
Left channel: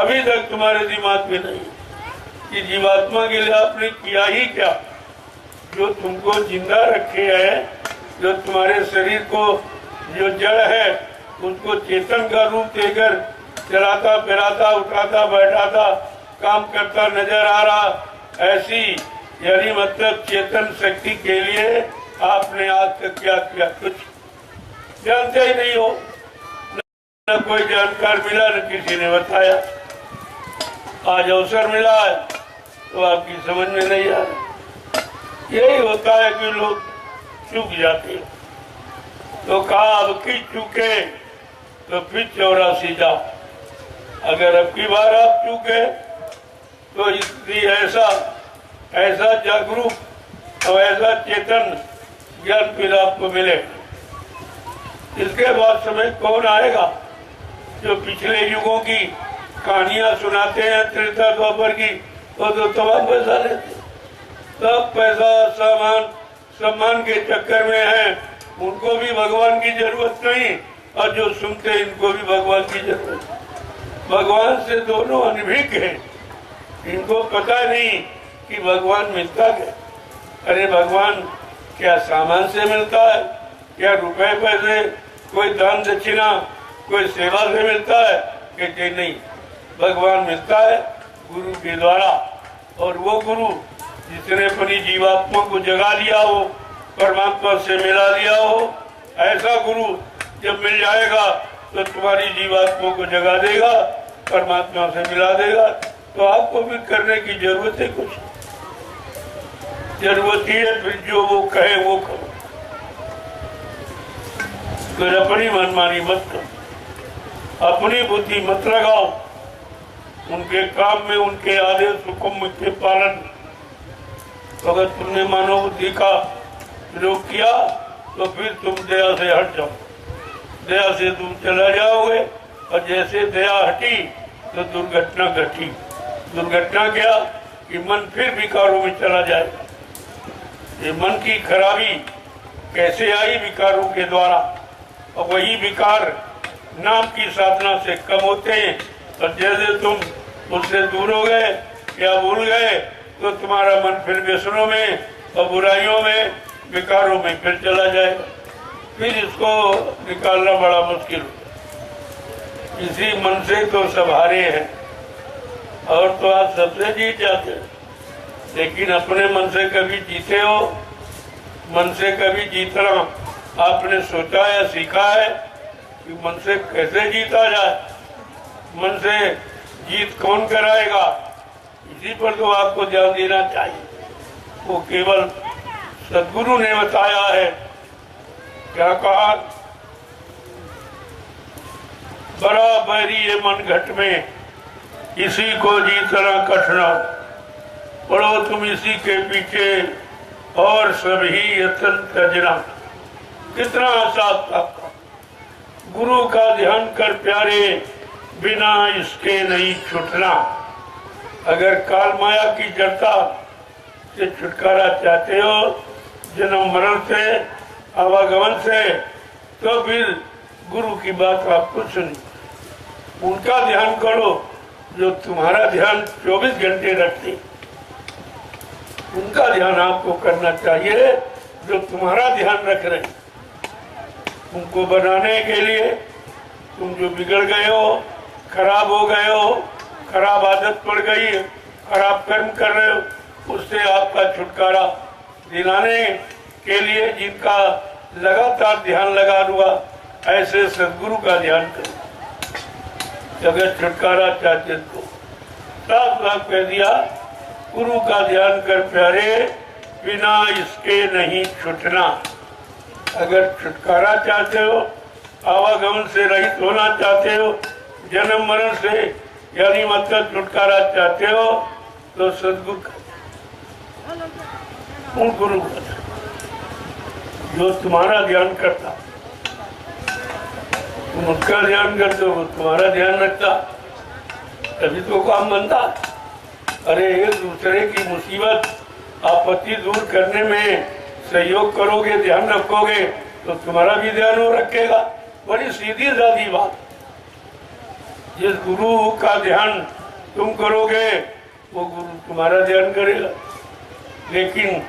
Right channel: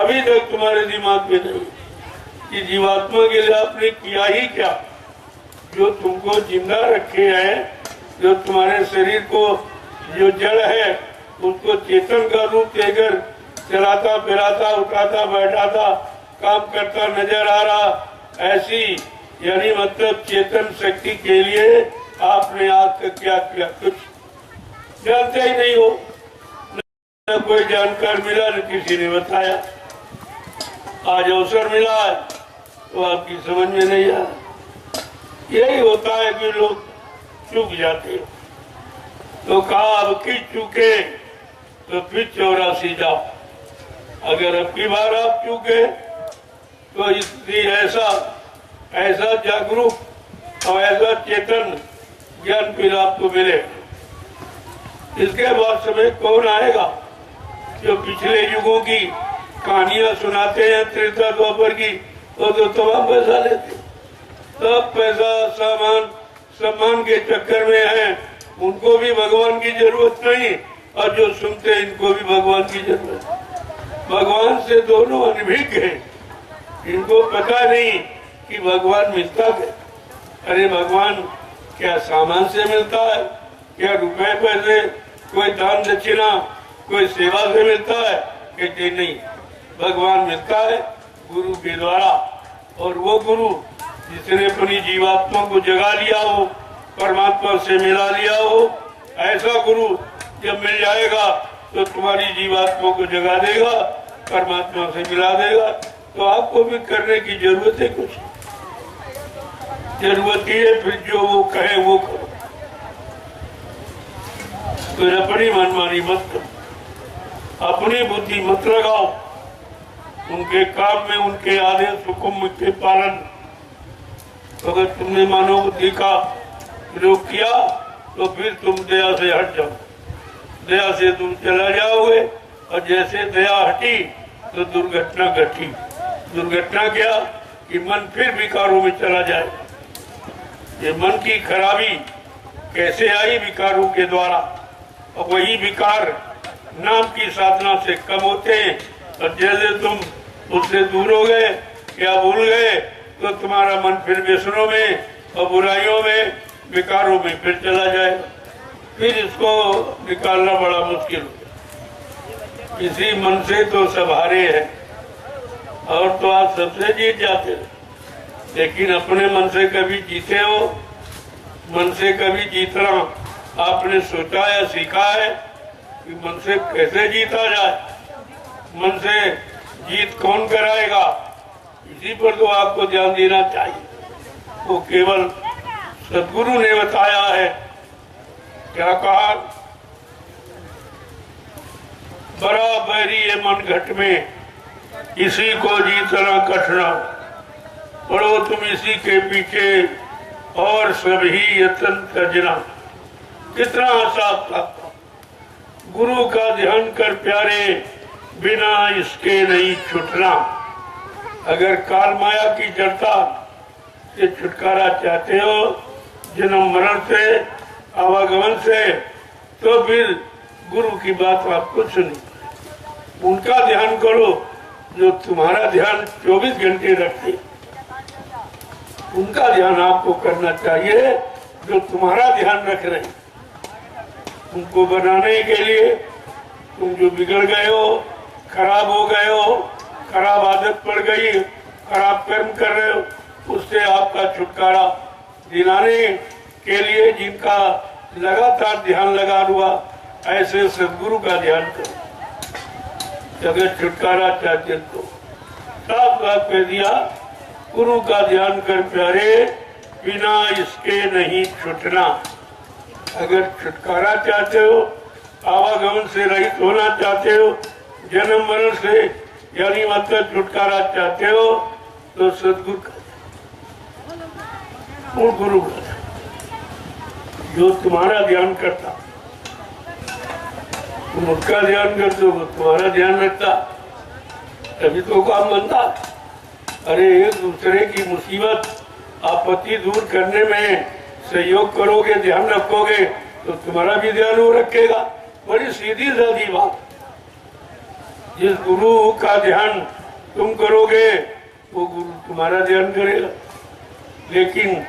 अभी तक तुम्हारे दिमाग में नहीं कि जीवात्मा के लिए आपने किया ही क्या। जो तुमको जिंदा रखे है, जो तुम्हारे शरीर को जो जड़ है उसको चेतन का रूप देकर चलाता फिराता उठाता बैठाता काम करता नजर आ रहा, ऐसी यानी मतलब चेतन शक्ति के लिए आपने आज तक क्या किया? कुछ जानते ही नहीं हो, न कोई जानकार मिला न किसी ने बताया। आज अवसर मिला है तो आपकी समझ में नहीं आ रहा। यही होता है कि लोग चूक जाते हैं। तो कहा अब की चूके तो फिर 84 जाओ। अगर अब की बार आप चूके तो इसलिए ऐसा जागरूक और ऐसा चेतन ज्ञान फिर आपको मिले। इसके बाद समय कौन आएगा जो पिछले युगों की कहानियां सुनाते हैं त्रेता द्वापर की, वो तो तमाम पैसा लेते, सब पैसा सामान सम्मान के चक्कर में है। उनको भी भगवान की जरूरत नहीं और जो सुनते हैं इनको भी भगवान की जरूरत है। भगवान से दोनों अनभिज्ञ हैं, इनको पता नहीं कि भगवान मिलता है। अरे भगवान क्या सामान से मिलता है, क्या रुपए पैसे, कोई दान दक्षिणा, कोई सेवा से मिलता है? कहते नहीं, भगवान मिलता है गुरु के द्वारा। और वो गुरु जिसने अपनी जीवात्मा को जगा लिया हो, परमात्मा से मिला लिया हो, ऐसा गुरु जब मिल जाएगा तो तुम्हारी जीवात्मा को जगा देगा, परमात्मा से मिला देगा। तो आपको भी करने की जरूरत है, कुछ जरूरत ही है फिर जो वो कहे वो करो, फिर अपनी मनमानी मत करो, अपनी बुद्धि मत लगाओ, उनके काम में उनके आदेश हुक्म के पालन। अगर तुमने मानव बुद्धि का प्रयोग किया तो फिर तुम दया से हट जाओ, दया से तुम चला जाओगे। और जैसे दया हटी तो दुर्घटना घटी। दुर्घटना क्या कि मन फिर विकारों में चला जाए। ये मन की खराबी कैसे आई? विकारों के द्वारा। और वही विकार नाम की साधना से कम होते हैं। और जैसे तुम उससे दूर हो गए या भूल गए तो तुम्हारा मन फिर व्यसनों में और बुराइयों में, विकारों में फिर चला जाएगा। फिर इसको निकालना बड़ा मुश्किल होगा। इसी मन से तो सब हारे हैं, और तो आज सबसे जीत जाते हैं। लेकिन अपने मन से कभी जीते हो? मन से कभी जीतना आपने सोचा या सीखा है कि मन से कैसे जीता जाए? मन से जीत कौन कराएगा? इसी पर तो आपको ध्यान देना चाहिए। वो केवल सदगुरु ने बताया है। क्या कहा? बड़ा बैरी है मन घट में, इसी को जीतना कठिना, पढ़ो तुम इसी के पीछे और सभी यत्न तजना। कितना आसान था। गुरु का ध्यान कर प्यारे, बिना इसके नहीं छूटना। अगर काल माया की जड़ता से छुटकारा चाहते हो, जन्म मरण से, आवागमन से, तो फिर गुरु की बात आपको सुनी, उनका ध्यान करो जो तुम्हारा ध्यान 24 घंटे रखते। उनका ध्यान आपको करना चाहिए जो तुम्हारा ध्यान रख रहे। उनको बनाने के लिए तुम जो बिगड़ गए हो, खराब हो गए हो, खराब आदत पड़ गई, खराब कर्म कर रहे हो, उससे आपका छुटकारा दिलाने के लिए जिनका लगातार ध्यान लगा हुआ, ऐसे सदगुरु का ध्यान करो। अगर छुटकारा चाहते तो साफ साफ कह दिया, गुरु का ध्यान कर प्यारे, बिना इसके नहीं छूटना। अगर छुटकारा चाहते हो, आवागमन से रहित होना चाहते हो, जन्म मरण से यानी मतलब छुटकारा चाहते हो, तो सदगुरु का गुरु का जो तुम्हारा ध्यान करता, तुम उसका ध्यान करते हो, तुम्हारा ध्यान रखता, तभी तो काम बनता। अरे एक दूसरे की मुसीबत आपत्ति दूर करने में सहयोग करोगे, ध्यान रखोगे, तो तुम्हारा भी ध्यान वो रखेगा। बड़ी सीधी सादी बात। जिस गुरु का ध्यान तुम करोगे, वो गुरु तुम्हारा ध्यान करेगा। लेकिन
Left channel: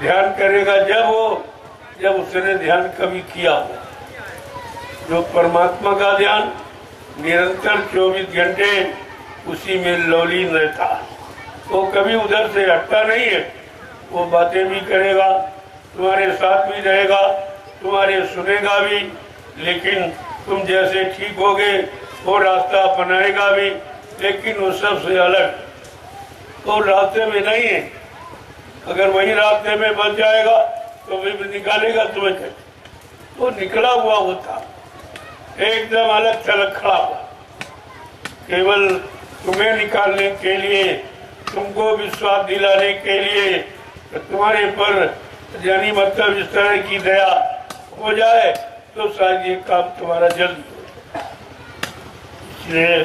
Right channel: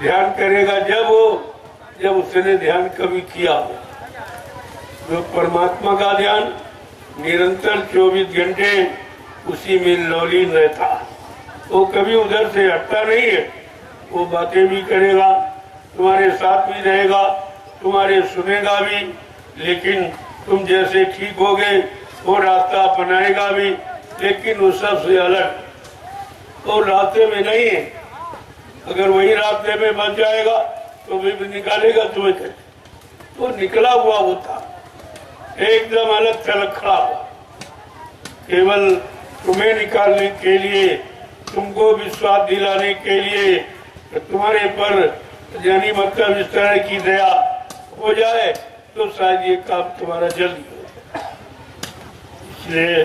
ध्यान करेगा जब उसने ध्यान कभी किया हो। जो परमात्मा का ध्यान निरंतर 24 घंटे उसी में लौलीन रहता, वो कभी उधर से हटता नहीं है। वो बातें भी करेगा, तुम्हारे साथ भी रहेगा, तुम्हारे सुनेगा भी, लेकिन तुम जैसे ठीक हो गए वो रास्ता अपनाएगा भी, लेकिन वो सबसे अलग, वो रास्ते में नहीं है। अगर वही रास्ते में बच जाएगा तो भी निकालेगा तुम्हें कैसे? वो निकला हुआ होता, एकदम अलग थलग खड़ा हुआ, केवल तुम्हें निकालने के लिए, तुमको विश्वास दिलाने के लिए, तो तुम्हारे पर यानी मतलब इस तरह की दया हो जाए तो शायद ये काम तुम्हारा जल्दी हो। इसलिए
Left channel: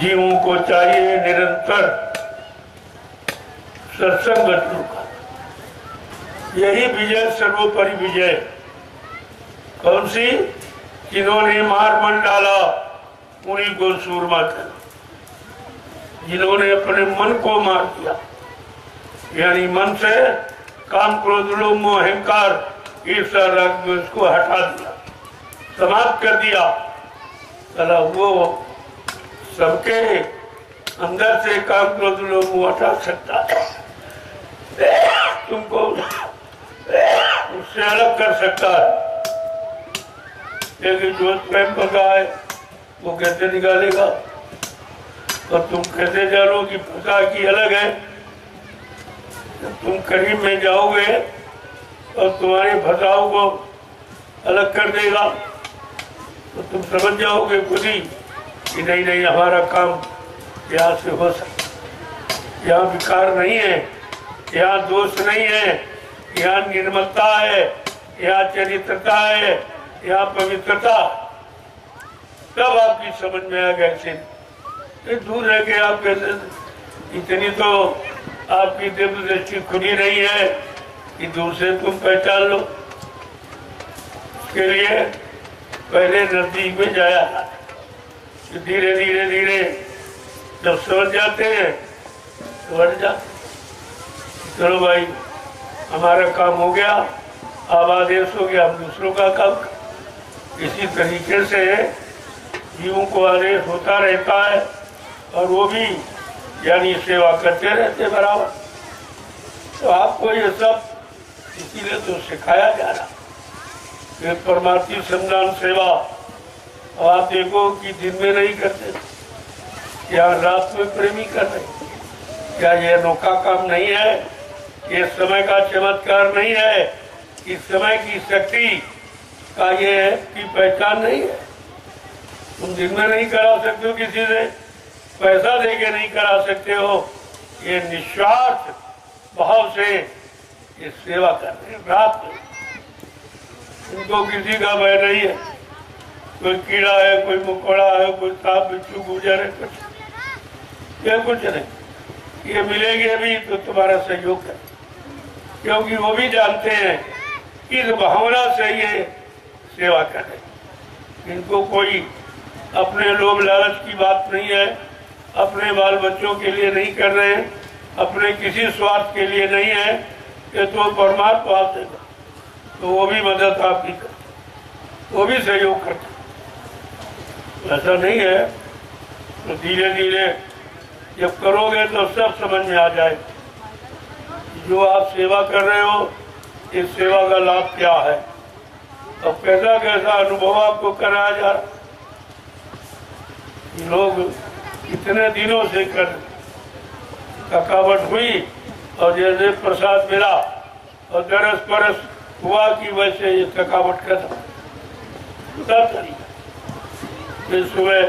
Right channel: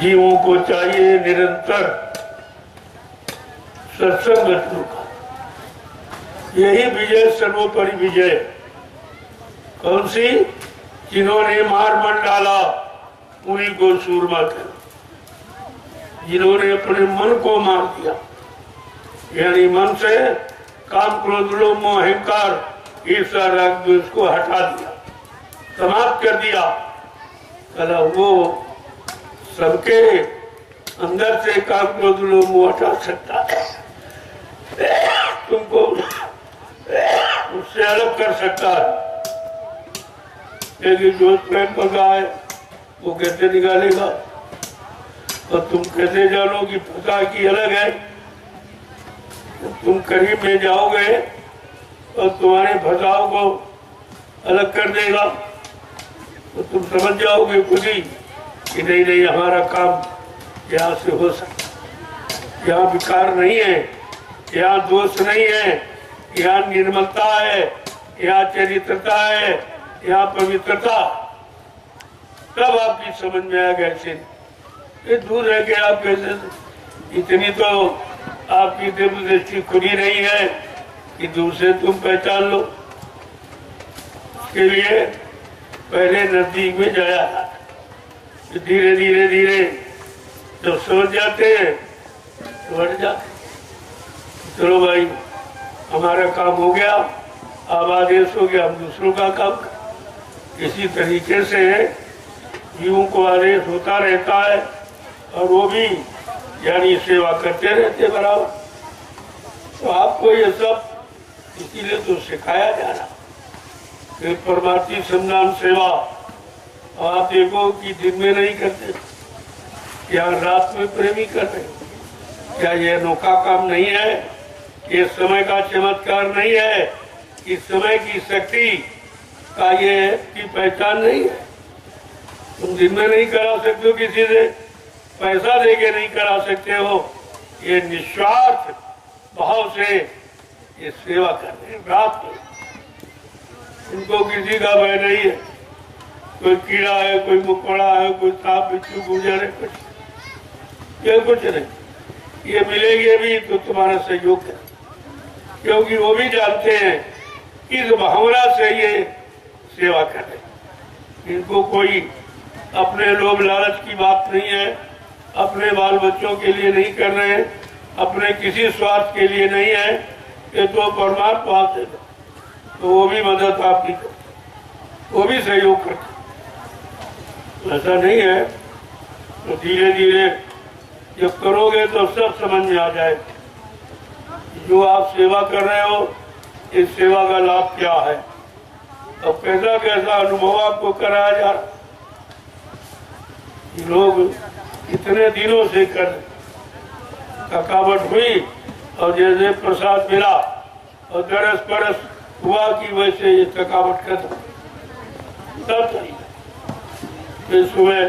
जीवों को चाहिए निरंतर सत्संग का। यही विजय, सर्वोपरि विजय। कौन सी? जिन्होंने मार मन डाला उन्हीं को सूरमा कर, जिन्होंने अपने मन को मार दिया, यानी मन से काम, क्रोध, लोभ, मोह, अहंकार, ईर्ष्या, राग, द्वेष को हटा दिया, समाप्त कर दिया। चला वो सबके अंदर से काम, क्रोध, लोभ, मोह हटा सकता है, तुमको उससे अलग कर सकता है। लेकिन जो प्रेम भगा है वो कैसे निकालेगा? और तुम कैसे जानो कि फंसा की अलग है? तुम करीब में जाओगे और तुम्हारे फंसाव को अलग कर देगा तो तुम समझ जाओगे खुद ही कि नहीं नहीं, हमारा काम यहाँ से हो सकता, यहाँ विकार नहीं है, यहाँ दोष नहीं है, यहाँ निर्मलता है, यहाँ चरित्रता है, यहाँ पवित्रता। तब आपकी समझ में आ गया ये दूर है कि आप कैसे, इतनी तो आपकी दिव्य दृष्टि खुली नहीं है कि दूर से तुम पहचान लो। इसके लिए पहले नजदीक में जाया, धीरे धीरे धीरे जब समझ जाते हैं तो बढ़ जाते। चलो भाई, हमारा काम हो गया, अब आदेश हो गया, हम दूसरों का काम। इसी तरीके से जीवों को आदेश होता रहता है और वो भी यानी सेवा करते रहते बराबर। तो आपको ये सब इसीलिए तो सिखाया जा रहा कि परमार्थी संधान सेवा। और आप देखो कि दिन में नहीं करते, या रात में प्रेमी कर रहे। क्या ये अनोखा काम नहीं है? ये समय का चमत्कार नहीं है? इस समय की शक्ति का ये की पहचान नहीं है? तुम दिन में नहीं करा सकते हो, किसी से पैसा देके नहीं करा सकते हो। ये निस्वार्थ भाव से ये सेवा कर रहे हैं रात में। उनको किसी का भय नहीं है, कोई कीड़ा है, कोई मकोड़ा है, कोई सांप बिच्छू गुजर है, कुछ नहीं। ये मिलेंगे भी तो तुम्हारा सहयोग है, क्योंकि वो भी जानते हैं कि इस भावना से ये सेवा कर रहे। इनको कोई अपने लोभ लालच की बात नहीं है, अपने बाल बच्चों के लिए नहीं कर रहे हैं, अपने किसी स्वार्थ के लिए नहीं है। ये तो परमात्मा से, तो वो भी मदद आपकी करते, वो भी सहयोग करते। ऐसा नहीं है। तो धीरे धीरे जब करोगे तो सब समझ में आ जाए जो आप सेवा कर रहे हो, इस सेवा का लाभ क्या है और कैसा कैसा अनुभव आपको कराया जा रहा। लोग इतने दिनों से कर, थकावट हुई और जैसे प्रसाद मिला और दरस परस हुआ कि वैसे ये थकावट खत्म। फिर सुबह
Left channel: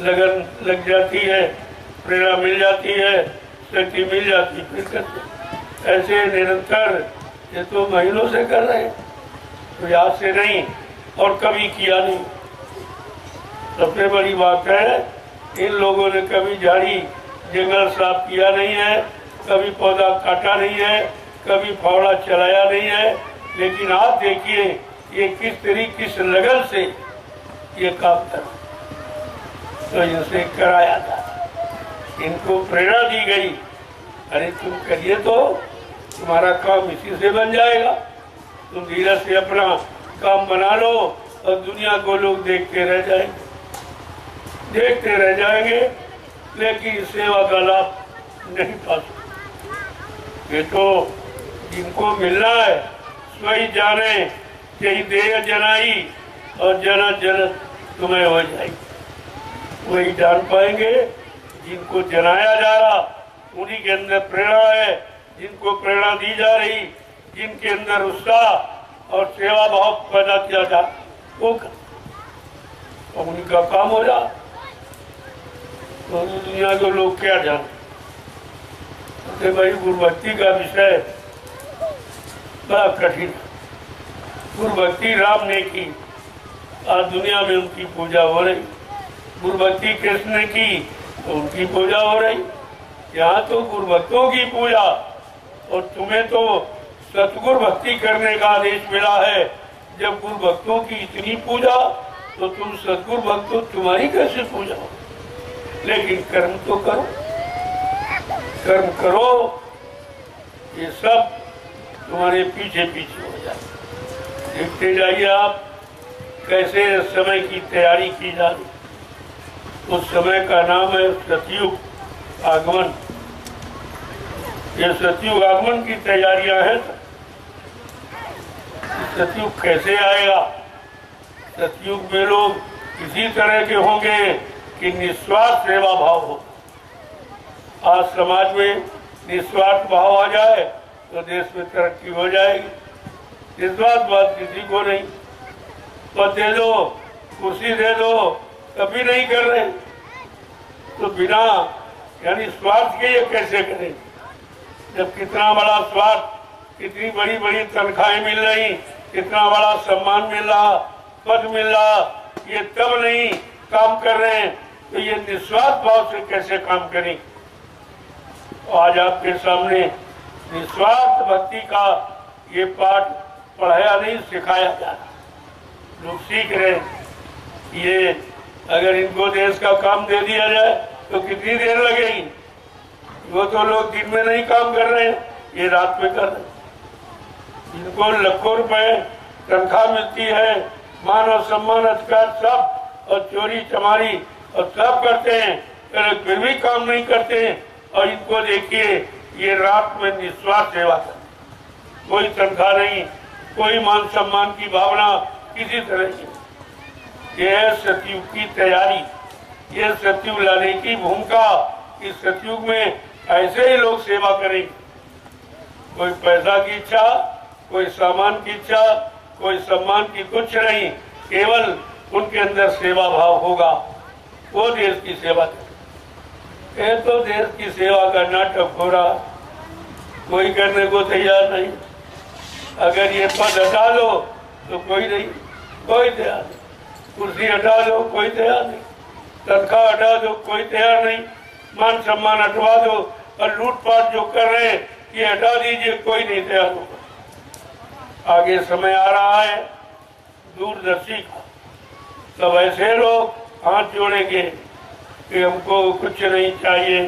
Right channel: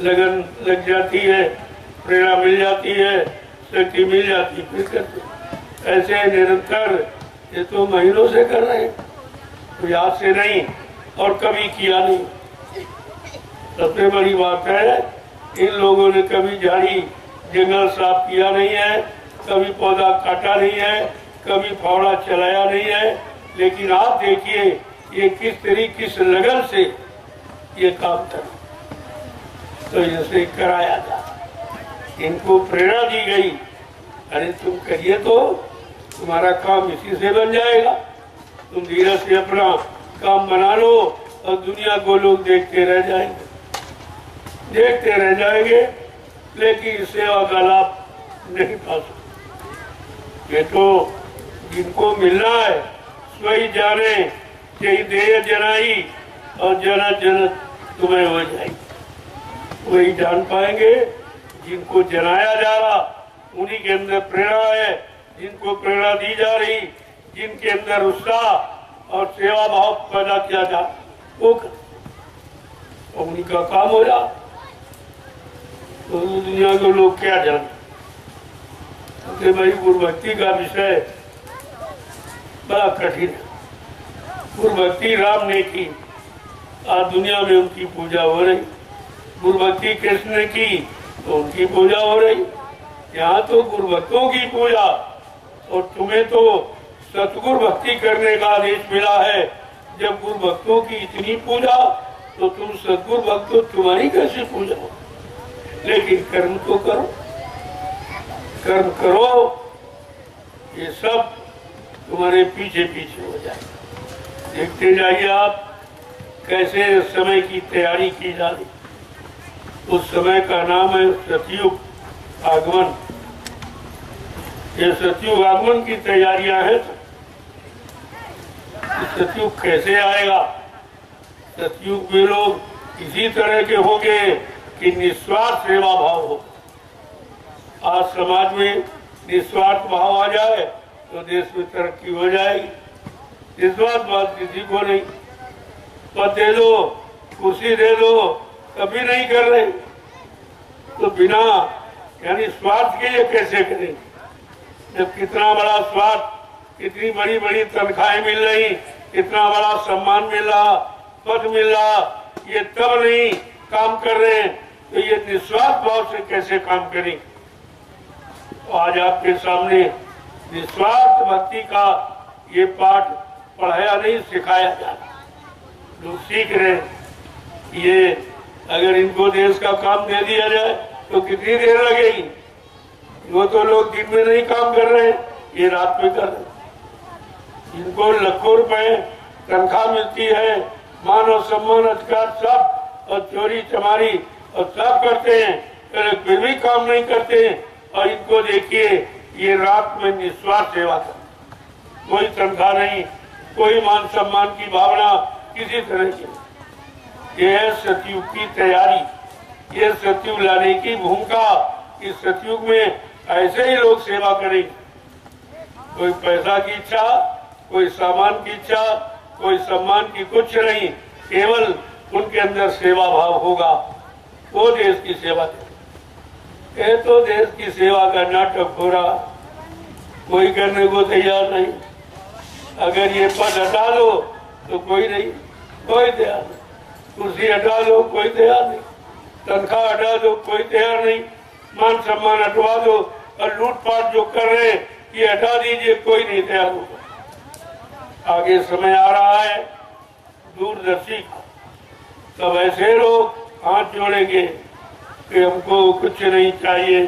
लगन लग जाती है, प्रेरणा मिल जाती है, शक्ति मिल जाती, फिर करते। ऐसे निरंतर ये तो महीनों से कर रहे हैं, तो याद से नहीं और कभी किया नहीं। सबसे बड़ी बात है, इन लोगों ने कभी झाड़ी जंगल साफ किया नहीं है, कभी पौधा काटा नहीं है, कभी फावड़ा चलाया नहीं है। लेकिन आप देखिए ये किस तरीके किस लगन से ये काम कर, तो इनसे कराया था, इनको प्रेरणा दी गई, अरे तुम करिए तो तुम्हारा काम इसी से बन जाएगा। तुम धीरे से अपना काम बना लो और दुनिया को लोग देखते रह जाएंगे, देखते रह जाएंगे, लेकिन सेवा का लाभ नहीं पा सकते। ये तो जिनको मिलना है स्वयं जाने, यही देह जनाई और जना जन तुम्हें हो जाएगी, वही जान पाएंगे। जिनको जनाया जा रहा उन्हीं के अंदर प्रेरणा है, जिनको प्रेरणा दी जा रही, जिनके अंदर उत्साह और सेवा भाव पैदा किया जा, वो उन्हीं का काम हो जा। तो दुनिया के लोग क्या जानते भाई, गुरु भक्ति का विषय बड़ा कठिन। गुरु भक्ति राम ने की, आज दुनिया में उनकी पूजा हो रही। गुरु भक्ति कृष्ण ने की, तो उनकी पूजा हो रही। यहाँ तो गुरु भक्तों की पूजा, और तुम्हें तो सतगुरु भक्ति करने का आदेश मिला है। जब गुरु भक्तों की इतनी पूजा, तो तुम सतगुरु भक्त हो, तुम्हारी कैसे पूजा हो? लेकिन कर्म तो करो, कर्म करो, ये सब तुम्हारे पीछे पीछे हो जाए। देखते जाइए आप कैसे समय की तैयारी की जा रही। उस समय का नाम है सतयुग आगमन। ये सतयुग आगमन की तैयारियां हैं। सतयुग कैसे आएगा? सतयुग में लोग इसी तरह के होंगे कि निस्वार्थ सेवा भाव हो। आज समाज में निस्वार्थ भाव आ जाए तो देश में तरक्की हो जाएगी। निस्वार्थ बात किसी को नहीं। पद दे दो, कुर्सी दे दो, कभी नहीं कर रहे। तो बिना यानी स्वार्थ के ये कैसे करें? जब कितना बड़ा स्वार्थ, कितनी बड़ी बड़ी तनख्वाहें मिल रही, कितना बड़ा सम्मान मिल रहा, पद मिल रहा, ये तब नहीं काम कर रहे हैं, तो ये निस्वार्थ भाव से कैसे काम करें? आज आपके सामने निस्वार्थ भक्ति का ये पाठ पढ़ाया नहीं, सिखाया जा रहा। लोग सीख रहे हैं। ये अगर इनको देश का काम दे दिया जाए तो कितनी देर लगेगी? वो तो लोग दिन में नहीं काम कर रहे हैं, ये रात में कर रहे हैं। इनको लाखों रुपए तनख्वाह मिलती है, मान और सम्मान अधिकार सब, और चोरी चमारी और सब करते हैं, फिर भी काम नहीं करते हैं। और इनको देखिए, ये रात में निस्वार्थ सेवा करते, कोई तनख्वाह नहीं, कोई मान सम्मान की भावना किसी तरह की। ये है सतयुग की तैयारी, ये सतयुग लाने की भूमिका। इस सतयुग में ऐसे ही लोग सेवा करें। कोई पैसा की इच्छा, कोई सामान की इच्छा, कोई सम्मान की कुछ नहीं, केवल उनके अंदर सेवा भाव होगा। वो देश की सेवा करे। ये तो देश की सेवा का नाटक हो रहा, कोई करने को तैयार नहीं। अगर ये पद हटा लो तो कोई नहीं, कोई तैयार नहीं। कुर्सी हटा दो, कोई तैयार नहीं। तनख्वाह हटा दो, कोई तैयार नहीं। मान सम्मान हटवा दो, और लूटपाट जो कर रहे हैं ये हटा दीजिए, कोई नहीं तैयार होगा। आगे समय आ रहा है दूरदर्शी का, तब ऐसे लोग हाथ जोड़ेंगे कि हमको कुछ नहीं चाहिए,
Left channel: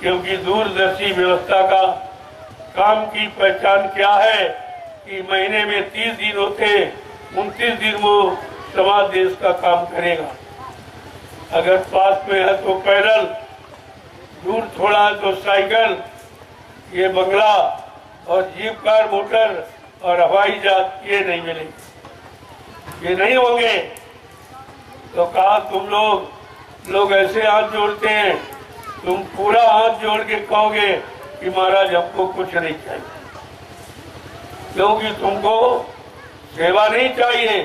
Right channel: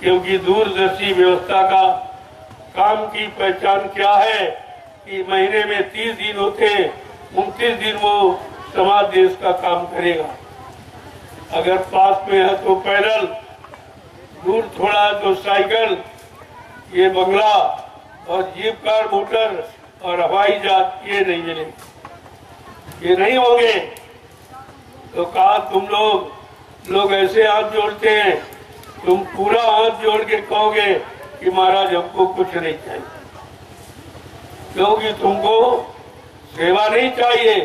क्योंकि दूरदर्शी व्यवस्था का काम की पहचान क्या है कि महीने में 30 दिन होते, 29 दिन वो समाज देश का काम करेगा। अगर पास में है तो पैदल, दूर थोड़ा है तो साइकिल, ये बंगला और जीप कार मोटर और हवाई जहाज ये नहीं मिलेंगे, ये नहीं होंगे। तो कहा तुम लोग ऐसे हाथ जोड़ते हैं, तुम पूरा हाथ जोड़ के कहोगे कि महाराज हमको कुछ नहीं चाहिए, क्योंकि तुमको सेवा नहीं चाहिए,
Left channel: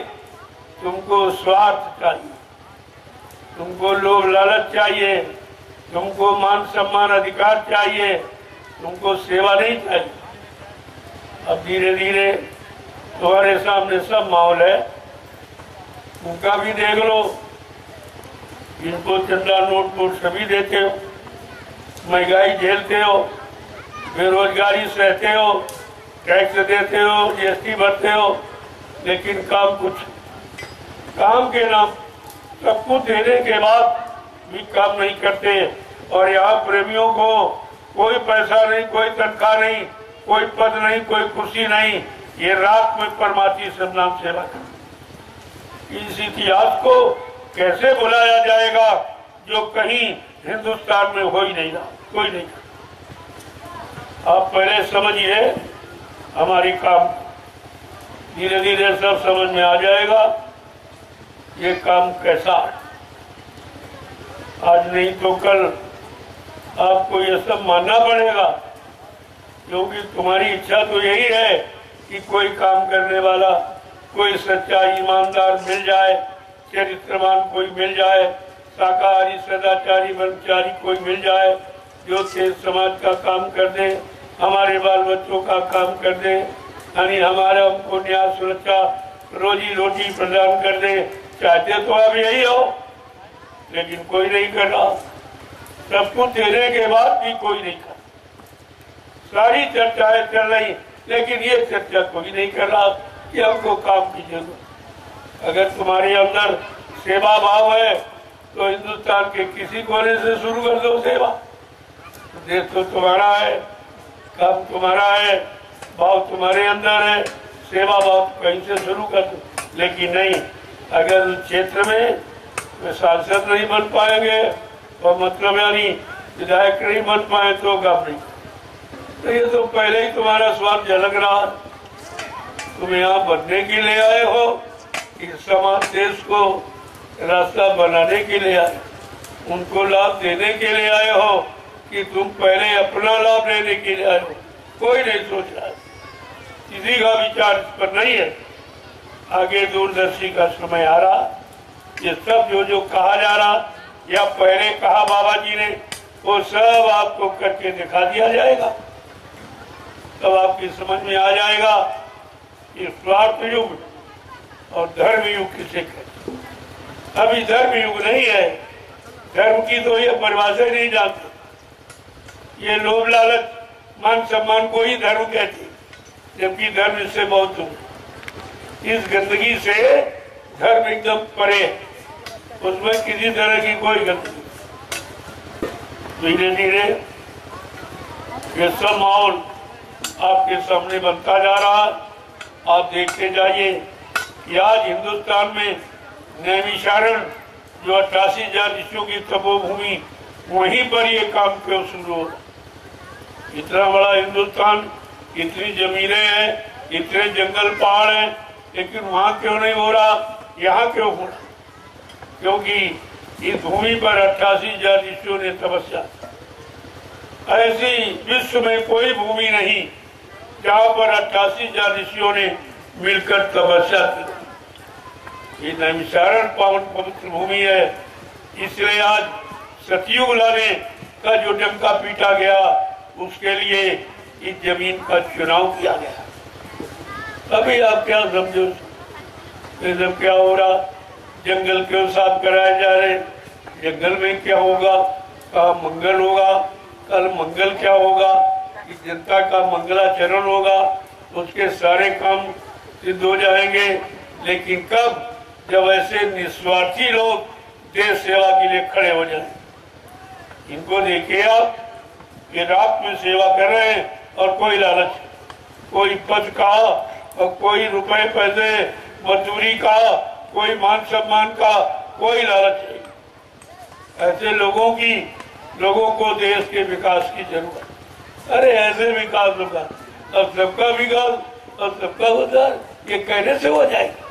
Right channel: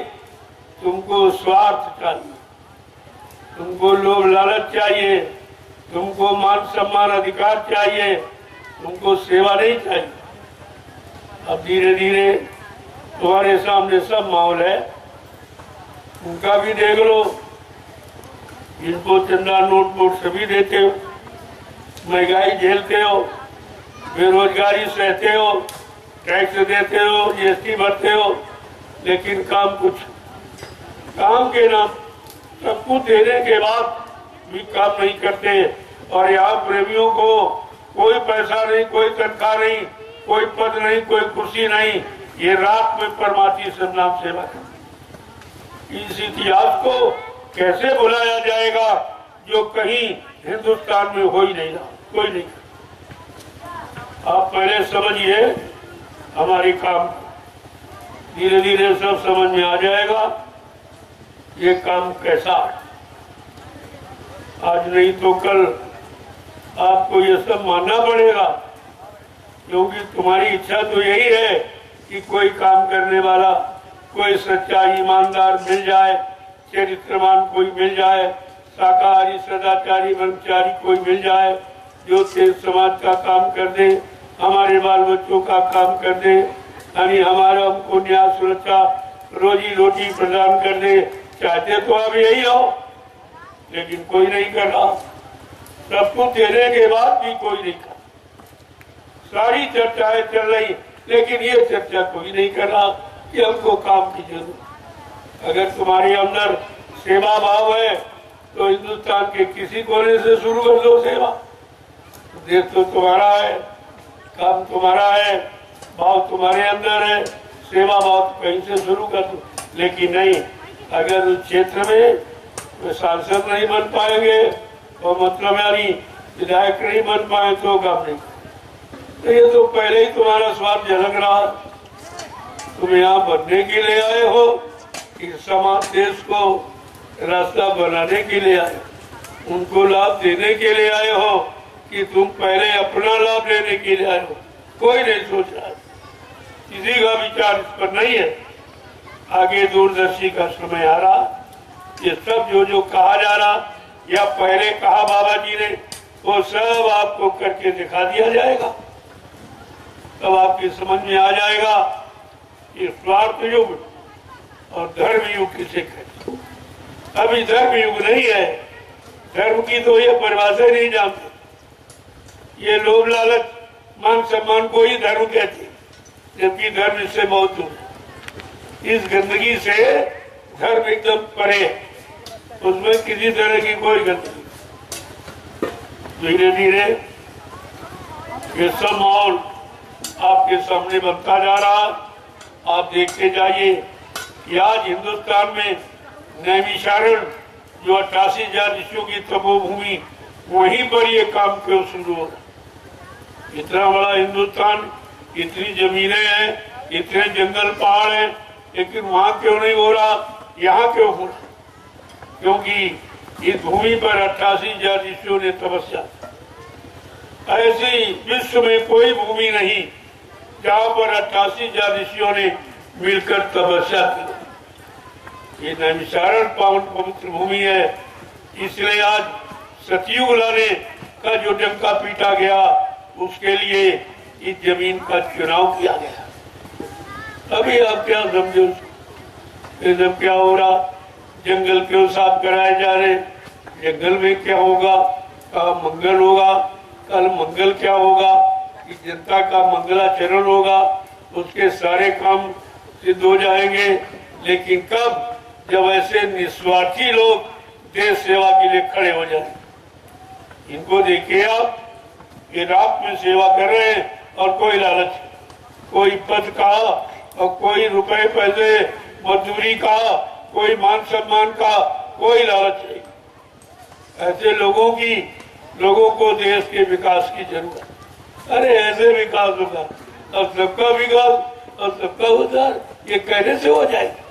तुमको स्वार्थ चाहिए, तुमको लोभ लालच चाहिए, तुमको मान सम्मान अधिकार चाहिए, तुमको सेवा नहीं चाहिए। अब धीरे धीरे तुम्हारे सामने सब माहौल है, उनका भी देख लो। इनको चंदा नोट सभी देते हो, महंगाई झेलते हो, बेरोजगारी सहते हो, टैक्स देते हो, जीएसटी भरते हो, लेकिन काम के नाम सब कुछ देने के बाद भी काम नहीं करते। और यहाँ प्रेमियों को कोई पैसा नहीं, कोई तनख्वाह नहीं, कोई पद नहीं, कोई कुर्सी नहीं, ये रात में परमाती सब नाम सेवा करते। इस इतिहास को कैसे बुलाया जाएगा जो कहीं हिंदुस्तान में हो ही नहीं रहा, कोई नहीं। आप पहले समझिए हमारी काम, धीरे धीरे सब समझ में आ जाएगा ये काम कैसा। आज नहीं तो कल आपको ये सब मानना पड़ेगा, क्योंकि तुम्हारी इच्छा तो यही है कि कोई काम करने वाला, कोई सच्चा ईमानदार मिल जाए, चरित्रवान कोई मिल जाए, शाकाहारी सदाचारी ब्रह्मचारी कोई मिल जाए, जो देश समाज का काम कर दे, हमारे बाल बच्चों का काम कर दे, यानी हमारा हमको न्याय सुरक्षा रोजी रोटी प्रदान कर दे। चाहते तो अब यही हो, लेकिन कोई नहीं कर रहा। सब कुछ देने के बाद भी कोई नहीं कर। सारी चर्चाएं चल रही, लेकिन ये चर्चा कोई नहीं कर रहा कि हमको काम की जरूरत। अगर तुम्हारे अंदर सेवा भाव है तो हिंदुस्तान के किसी कोने से शुरू कर दो सेवा। देश तो तुम्हारा है, काम तुम्हारा है, भाव तुम्हारे अंदर है, सेवा भाव कहीं से शुरू कर दो। लेकिन नहीं, अगर उस क्षेत्र में सांसद नहीं बन पाएंगे और मतलब यानी विधायक नहीं बन पाए तो काम नहीं। तो ये तो पहले ही तुम्हारा स्वाद झलक रहा। तुम यहाँ बनने के लिए आए हो कि समाज देश को रास्ता बनाने के लिए आए, उनको लाभ देने के लिए आए हो कि तुम पहले अपना लाभ लेने के लिए आए हो? कोई नहीं सोच रहा, किसी का विचार इस पर नहीं है। आगे दूरदर्शी का समय आ रहा, ये सब जो कहा जा रहा या पहले कहा बाबा जी ने, वो सब आपको करके दिखा दिया जाएगा। तब आपकी समझ में आ जाएगा कि स्वार्थ युग और धर्म युग किसे कहते। अभी धर्म युग नहीं है, धर्म की तो ये परिभाषा नहीं जानते। ये लोभ लालच मान सम्मान को ही धर्म कहते, जबकि धर्म इससे बहुत दूर। इस गंदगी से धर्म एकदम परे, उसमें किसी तरह की कोई गंदगी। धीरे धीरे ये सब माहौल आपके सामने बनता जा रहा। आप देखते जाइए कि आज हिंदुस्तान में नैमिषारण जो 88,000 ऋषियों की तपोभूमि, वहीं पर ये काम क्यों शुरू हो। इतना बड़ा हिंदुस्तान, इतनी जमीनें हैं, इतने जंगल पहाड़ हैं, लेकिन वहाँ क्यों नहीं हो रहा, यहाँ क्यों हो रहा? क्योंकि इस भूमि पर 88,000 ऋषियों ने तपस्या। ऐसी विश्व में कोई भूमि नहीं जहाँ पर 88,000 ऋषियों ने मिलकर तपस्या की। ये नैमिषारण पावन पवित्र भूमि है, इसलिए आज सतयुग लाने का जो डंका पीटा गया, उसके लिए इस जमीन का चुनाव किया गया। अभी आप क्या समझो, सब क्या हो रहा? जंगल क्यों साफ कराए जा रहे? जंगल में क्या होगा? कहा मंगल होगा, कल मंगल क्या होगा कि जनता का मंगलाचरण होगा, उसके सारे काम सिद्ध हो जाएंगे। लेकिन कब? जब ऐसे निस्वार्थी लोग देश सेवा के लिए खड़े हो जाए। इनको देखिए आप, ये रात में सेवा कर रहे हैं और कोई लालच, कोई पद का और कोई रुपए पैसे मजदूरी का, कोई मान सम्मान का कोई लालच नहीं। ऐसे लोगों को देश के विकास की जरूरत। अरे ऐसे विकास होगा, अब सबका विकास और सबका उद्धार, ये कहने से हो जाएगा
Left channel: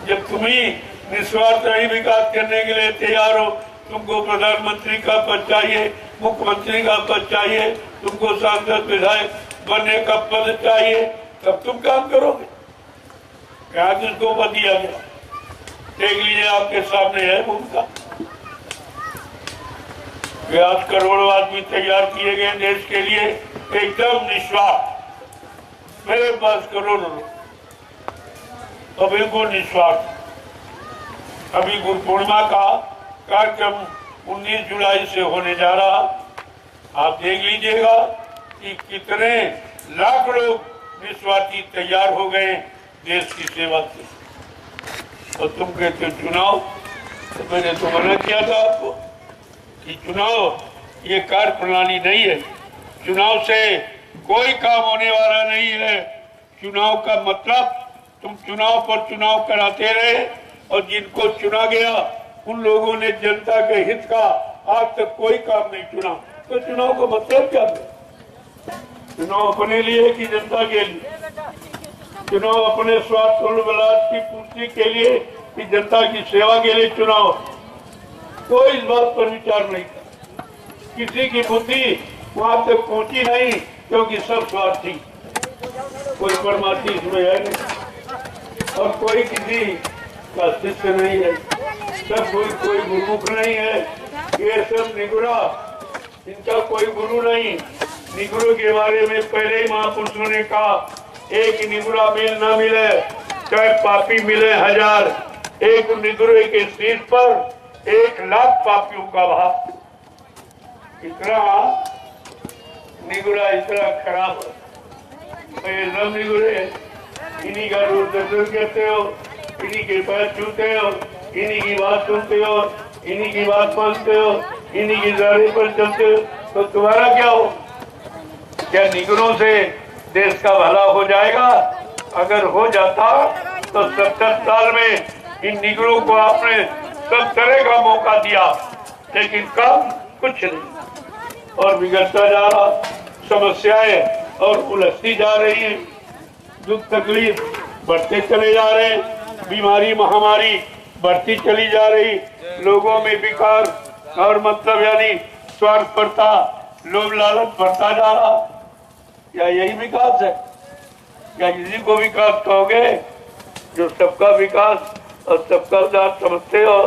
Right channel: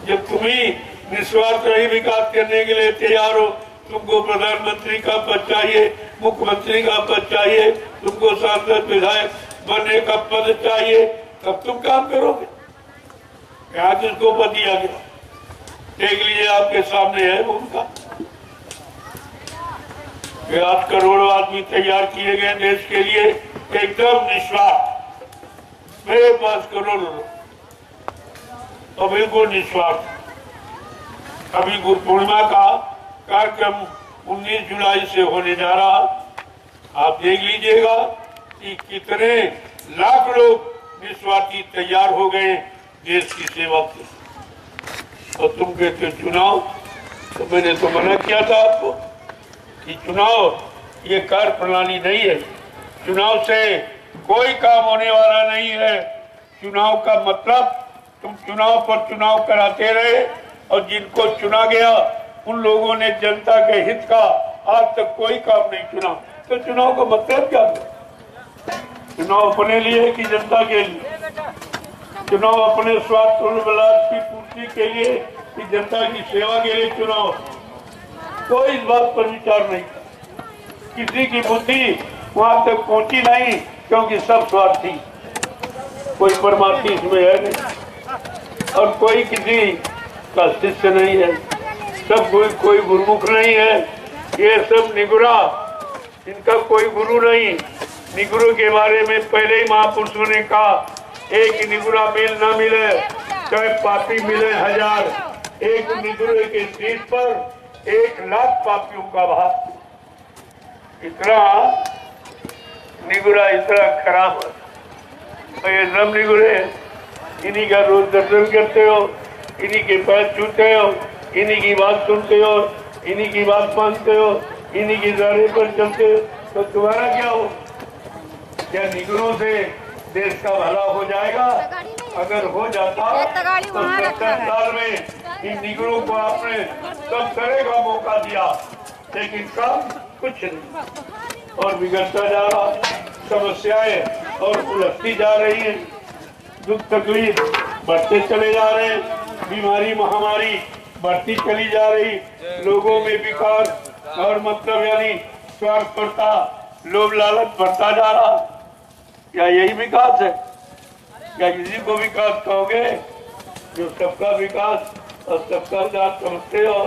जब तुम्ही निस्वार्थ ही विकास करने के लिए तैयार हो। तुमको प्रधानमंत्री का पद चाहिए, मुख्यमंत्री का पद चाहिए, तुमको सांसद विधायक बनने का पद चाहिए, तब तुम काम करोगे। क्या जिसको पद दिया गया, देख लीजिए आपके सामने है भूमिका। 8 करोड़ आदमी तैयार किए गए देश के लिए, एकदम निस्वार्थ। मेरे पास करोड़ लोग और बिल्कुल निस्वार्थ। अभी गुरु पूर्णिमा का कार्यक्रम 19 जुलाई से होने जा रहा। आप देख लीजिएगा कि कितने लाख लोग निस्वार्थी तैयार हो गए देश की सेवा के। और तुम कहते चुनाव, तो मैंने तो मना किया था आपको कि चुनाव ये कार्य प्रणाली नहीं है। चुनाव से कोई काम होने वाला नहीं है। चुनाव का मतलब तुम चुनाव पर चुनाव कराते रहे और जिनको चुना गया उन लोगों ने जनता के हित का आज तक कोई काम नहीं चुना। तो चुनाव का मतलब क्या है? चुनाव अपने लिए कि जनता के लिए? चुनाव अपने स्वार्थ और विलास की पूर्ति के लिए कि जनता की सेवा के लिए चुनाव? कोई इस बात पर विचार नहीं कर। किसी की बुद्धि वहां तक पहुंची नहीं, क्योंकि सब स्वार्थी, कोई परमार्थी इसमें है नहीं और कोई किसी का शिष्य नहीं है। सब कोई गुरुमुख नहीं है। ये सब निगुरा, इनका कोई गुरु नहीं। निगुरु के बारे में पहले ही महापुरुषों ने कहा, एक निगुरा मेल न मिले चाहे पापी मिले 1000। एक निगुरे के शीश पर 1,00,000 पापियों का भार। इतना निगुरा इतना खराब है। ये सब निगुरे इन्हीं का रोज दर्शन करते हो, इन्हीं के पैर छूते हो, इन्हीं की बात सुनते हो, इन्हीं की बात मानते हो, इन्हीं के दायरे पर चलते हो, तो तुम्हारा क्या हो? क्या निगुरों से देश का भला हो जाएगा? अगर हो जाता तो 70 साल में इन निगुरों को आपने सब तरह का मौका दिया, लेकिन काम कुछ नहीं और बिगड़ता जा रहा। समस्याएं और उलझती जा रही है, दुख तकलीफ बढ़ते चले जा रहे हैं, बीमारी महामारी बढ़ती चली जा रही, लोगों में विकार और मतलब यानी स्वार्थपरता लोभ लालच बढ़ता जा रहा। क्या यही विकास है? क्या इसी को विकास कहोगे? जो सबका विकास और सबका उद्धार समझते हो,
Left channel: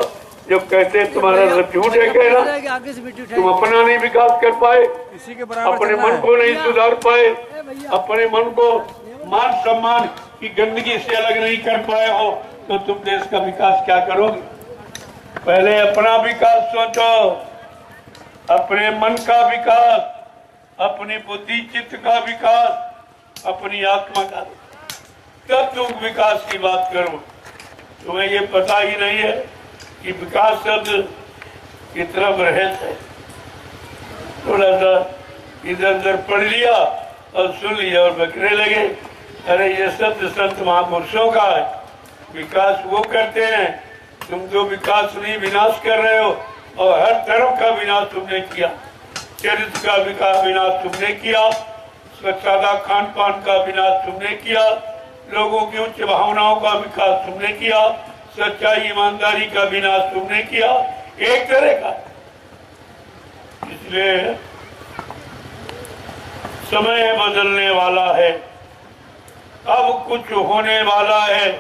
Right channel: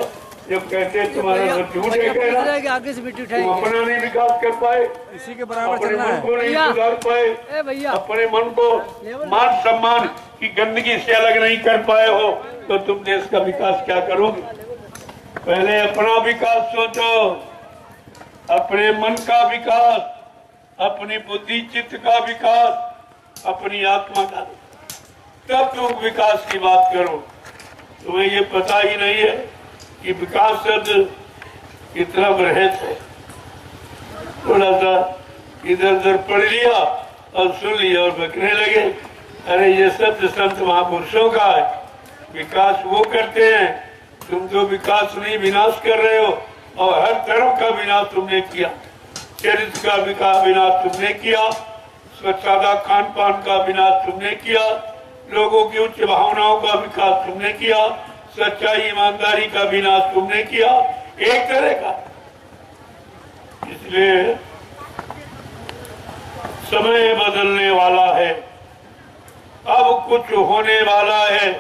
जो कहते हैं तुम्हारा झूठ है कहना, तुम अपना नहीं विकास कर पाए, इसी के बराबर अपने मन को नहीं सुधार पाए, अपने मन को मान सम्मान की गंदगी से अलग नहीं कर पाए हो, तो तुम देश का विकास क्या करोगे? पहले अपना विकास सोचो, अपने मन का विकास, अपनी बुद्धि चित्त का विकास, अपनी आत्मा का, तब तुम विकास की बात करो। तुम्हें ये पता ही नहीं है कि विकास शब्द कितना बृहद है। थोड़ा सा इधर उधर पढ़ लिया और सुन लिया और बकने लगे, अरे ये शब्द संत महापुरुषों का है, विकास वो करते हैं, तुम तो विकास नहीं विनाश कर रहे हो। और हर तरफ का विनाश तुमने किया, चरित्र का विनाश तुमने किया, सादा खान पान का विनाश तुमने किया, लोगों की उच्च भावनाओं का विकास तुमने किया, सच्चाई ईमानदारी का विनाश तुमने किया, एक तरह का। इसलिए समय बदलने वाला है, अब कुछ होने वाला है।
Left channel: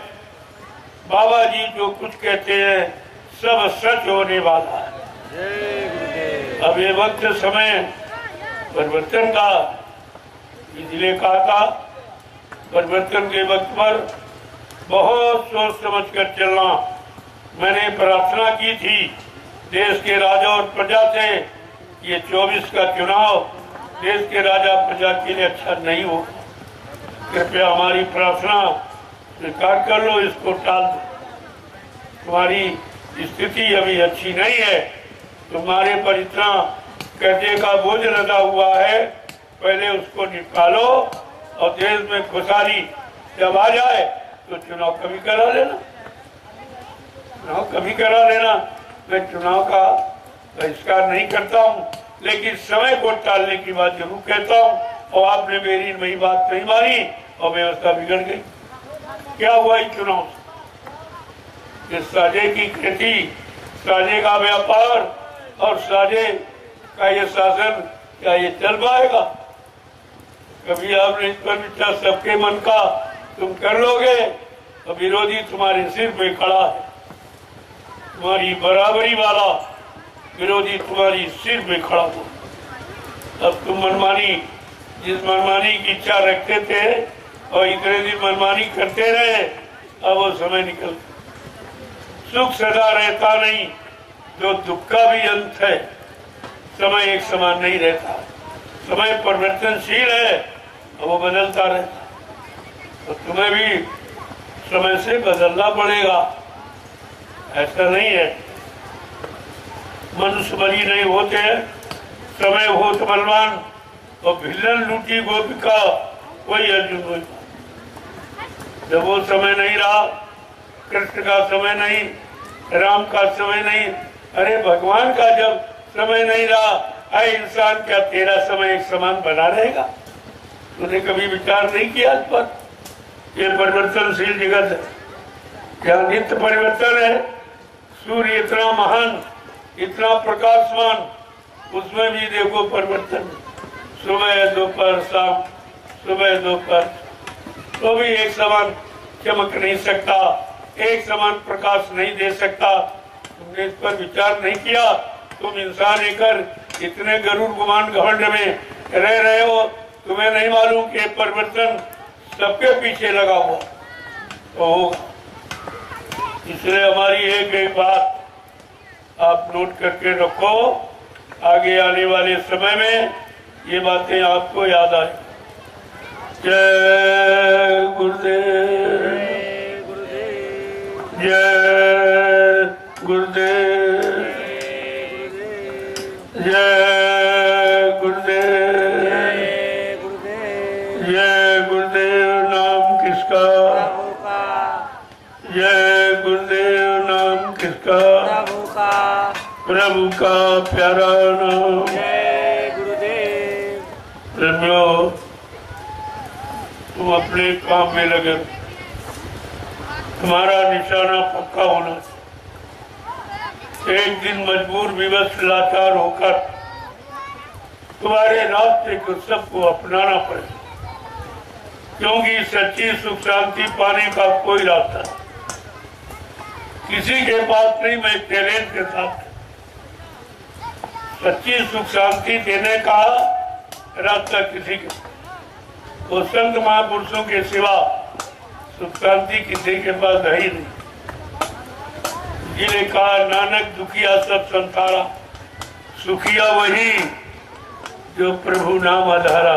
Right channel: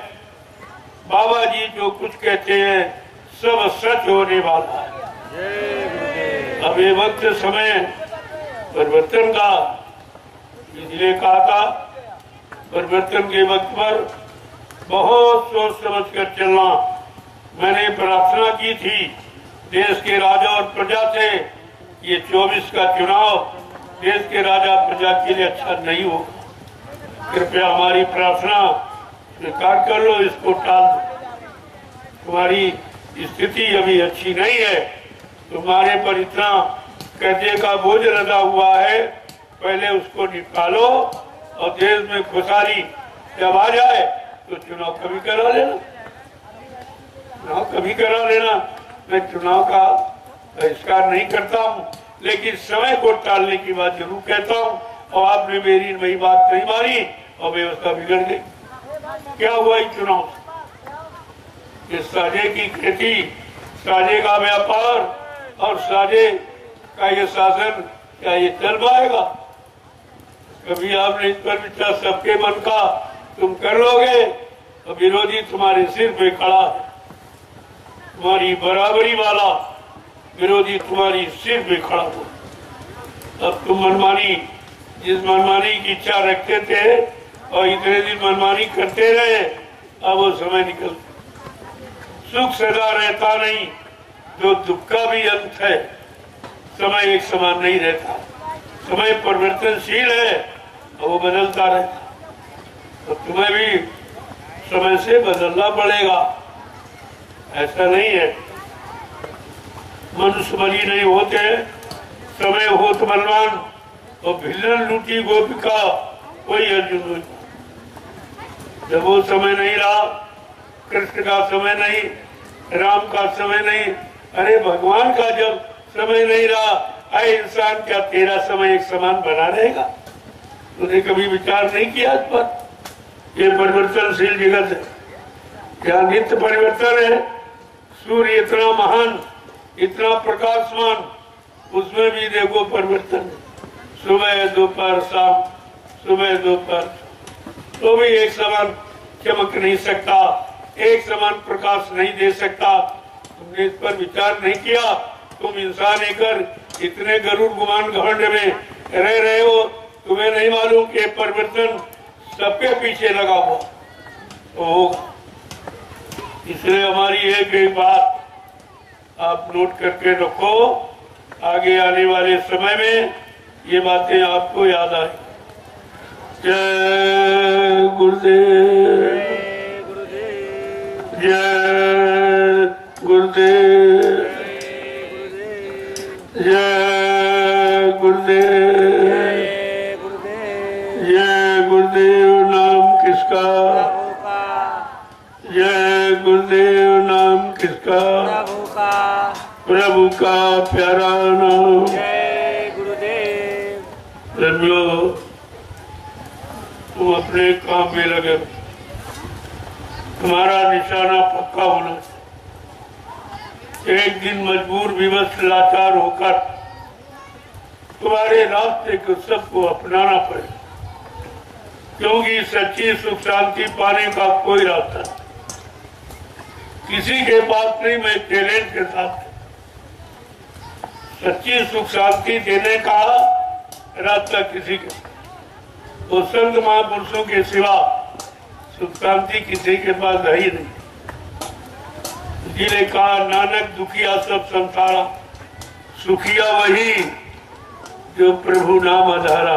बाबा जी जो कुछ कहते हैं सब सच होने वाला है। अब ये वक्त समय परिवर्तन का, इसलिए कहा था परिवर्तन के वक्त पर बहुत सोच समझ कर चलना। मैंने प्रार्थना की थी देश के राजा और प्रजा से, ये 24 का चुनाव देश के राजा प्रजा के लिए अच्छा नहीं हो, कृपया हमारी प्रार्थना स्वीकार कर लो, इसको टाल दो। तुम्हारी स्थिति अभी अच्छी नहीं है, तुम्हारे पर इतना कर्जे का बोझ लगा हुआ है, पहले उसको निकालो और देश में खुशहाली जब आ जाए तो चुनाव कभी करा लेना, चुनाव कभी करा लेना। मैं चुनाव का बहिष्कार नहीं करता हूँ, लेकिन समय को टालने की बात जरूर कहता हूँ। और आपने मेरी वही बात नहीं मानी और व्यवस्था बिगड़ गई। क्या हुआ इस चुनाव से? इस साझे की खेती, साझे का व्यापार और साझे का ये शासन, क्या ये चल पाएगा? कभी आपने इस पर विचार सबके मन का तुम कर लोगे तो विरोधी तुम्हारे सिर पे खड़ा है, तुम्हारी बराबरी वाला विरोधी तुम्हारी सिर पे खड़ा हो। अब तुम मनमानी, जिस मनमानी की इच्छा रखते थे और इतने दिन मनमानी करते रहे, अब वो समय निकल। सुख सदा रहता नहीं, जो दुख का भी अंत है। समय एक समान नहीं रहता, समय परिवर्तनशील है और वो बदलता रहता। तो तुम्हें भी समय से बदलना पड़ेगा, ऐसा नहीं है मनुष्य बली नहीं होते। समय हो तो बलवान और भिलन लूटी गोपिका, कोई अर्जुन नहीं। जब वो समय नहीं रहा, कृष्ण का समय नहीं, राम का समय नहीं, अरे भगवान का जब समय नहीं रहा, अरे इंसान क्या तेरा समय एक समान बना रहेगा? तूने कभी विचार नहीं किया इस पर? ये परिवर्तनशील जगत है, यहाँ नित्य परिवर्तन है। सूर्य इतना महान, इतना प्रकाशमान, उसमें भी देखो परिवर्तन। सुबह दोपहर शाम, सुबह दोपहर, तो भी एक समान चमक नहीं सकता, एक समान प्रकाश नहीं दे सकता। तुमने इस पर विचार नहीं किया। तुम इंसान होकर इतने गरुड़ गुमान घमंड में रह रहे हो, तुम्हें नहीं मालूम कि परिवर्तन सबके पीछे लगा हुआ तो होगा। इसलिए हमारी एक बात आप नोट करके रखो, आगे आने वाले समय में ये बातें आपको याद आए। जय गुरुदेव, जय गुरुदेव, जय गुरुदेव, जय जय गुरुदेव, गुरुदेव, जय गुरुदेव। जय गुरुदेव नाम किसका, प्रभु का, जय गुरुदेव नाम किसका, प्रभु का, प्रभु का प्यारा नाम। जय गुरुदेव। प्रेमियों, तुम अपने काम में लगे, तुम्हारा निशाना पक्का होना। एक दिन मजबूर विवश लाचार होकर तुम्हारे रास्ते को सबको अपनाना पड़े, क्योंकि सच्ची सुख शांति पाने का कोई रास्ता किसी के पास नहीं। मैं टैलेंट के साथ सच्ची सुख शांति देने का रास्ता किसी के, तो संत महापुरुषों के सिवा सुख शांति किसी के पास है ही नहीं। जिन्हें कहा नानक दुखिया सब संसारा, सुखिया वही जो प्रभु नाम आधारा।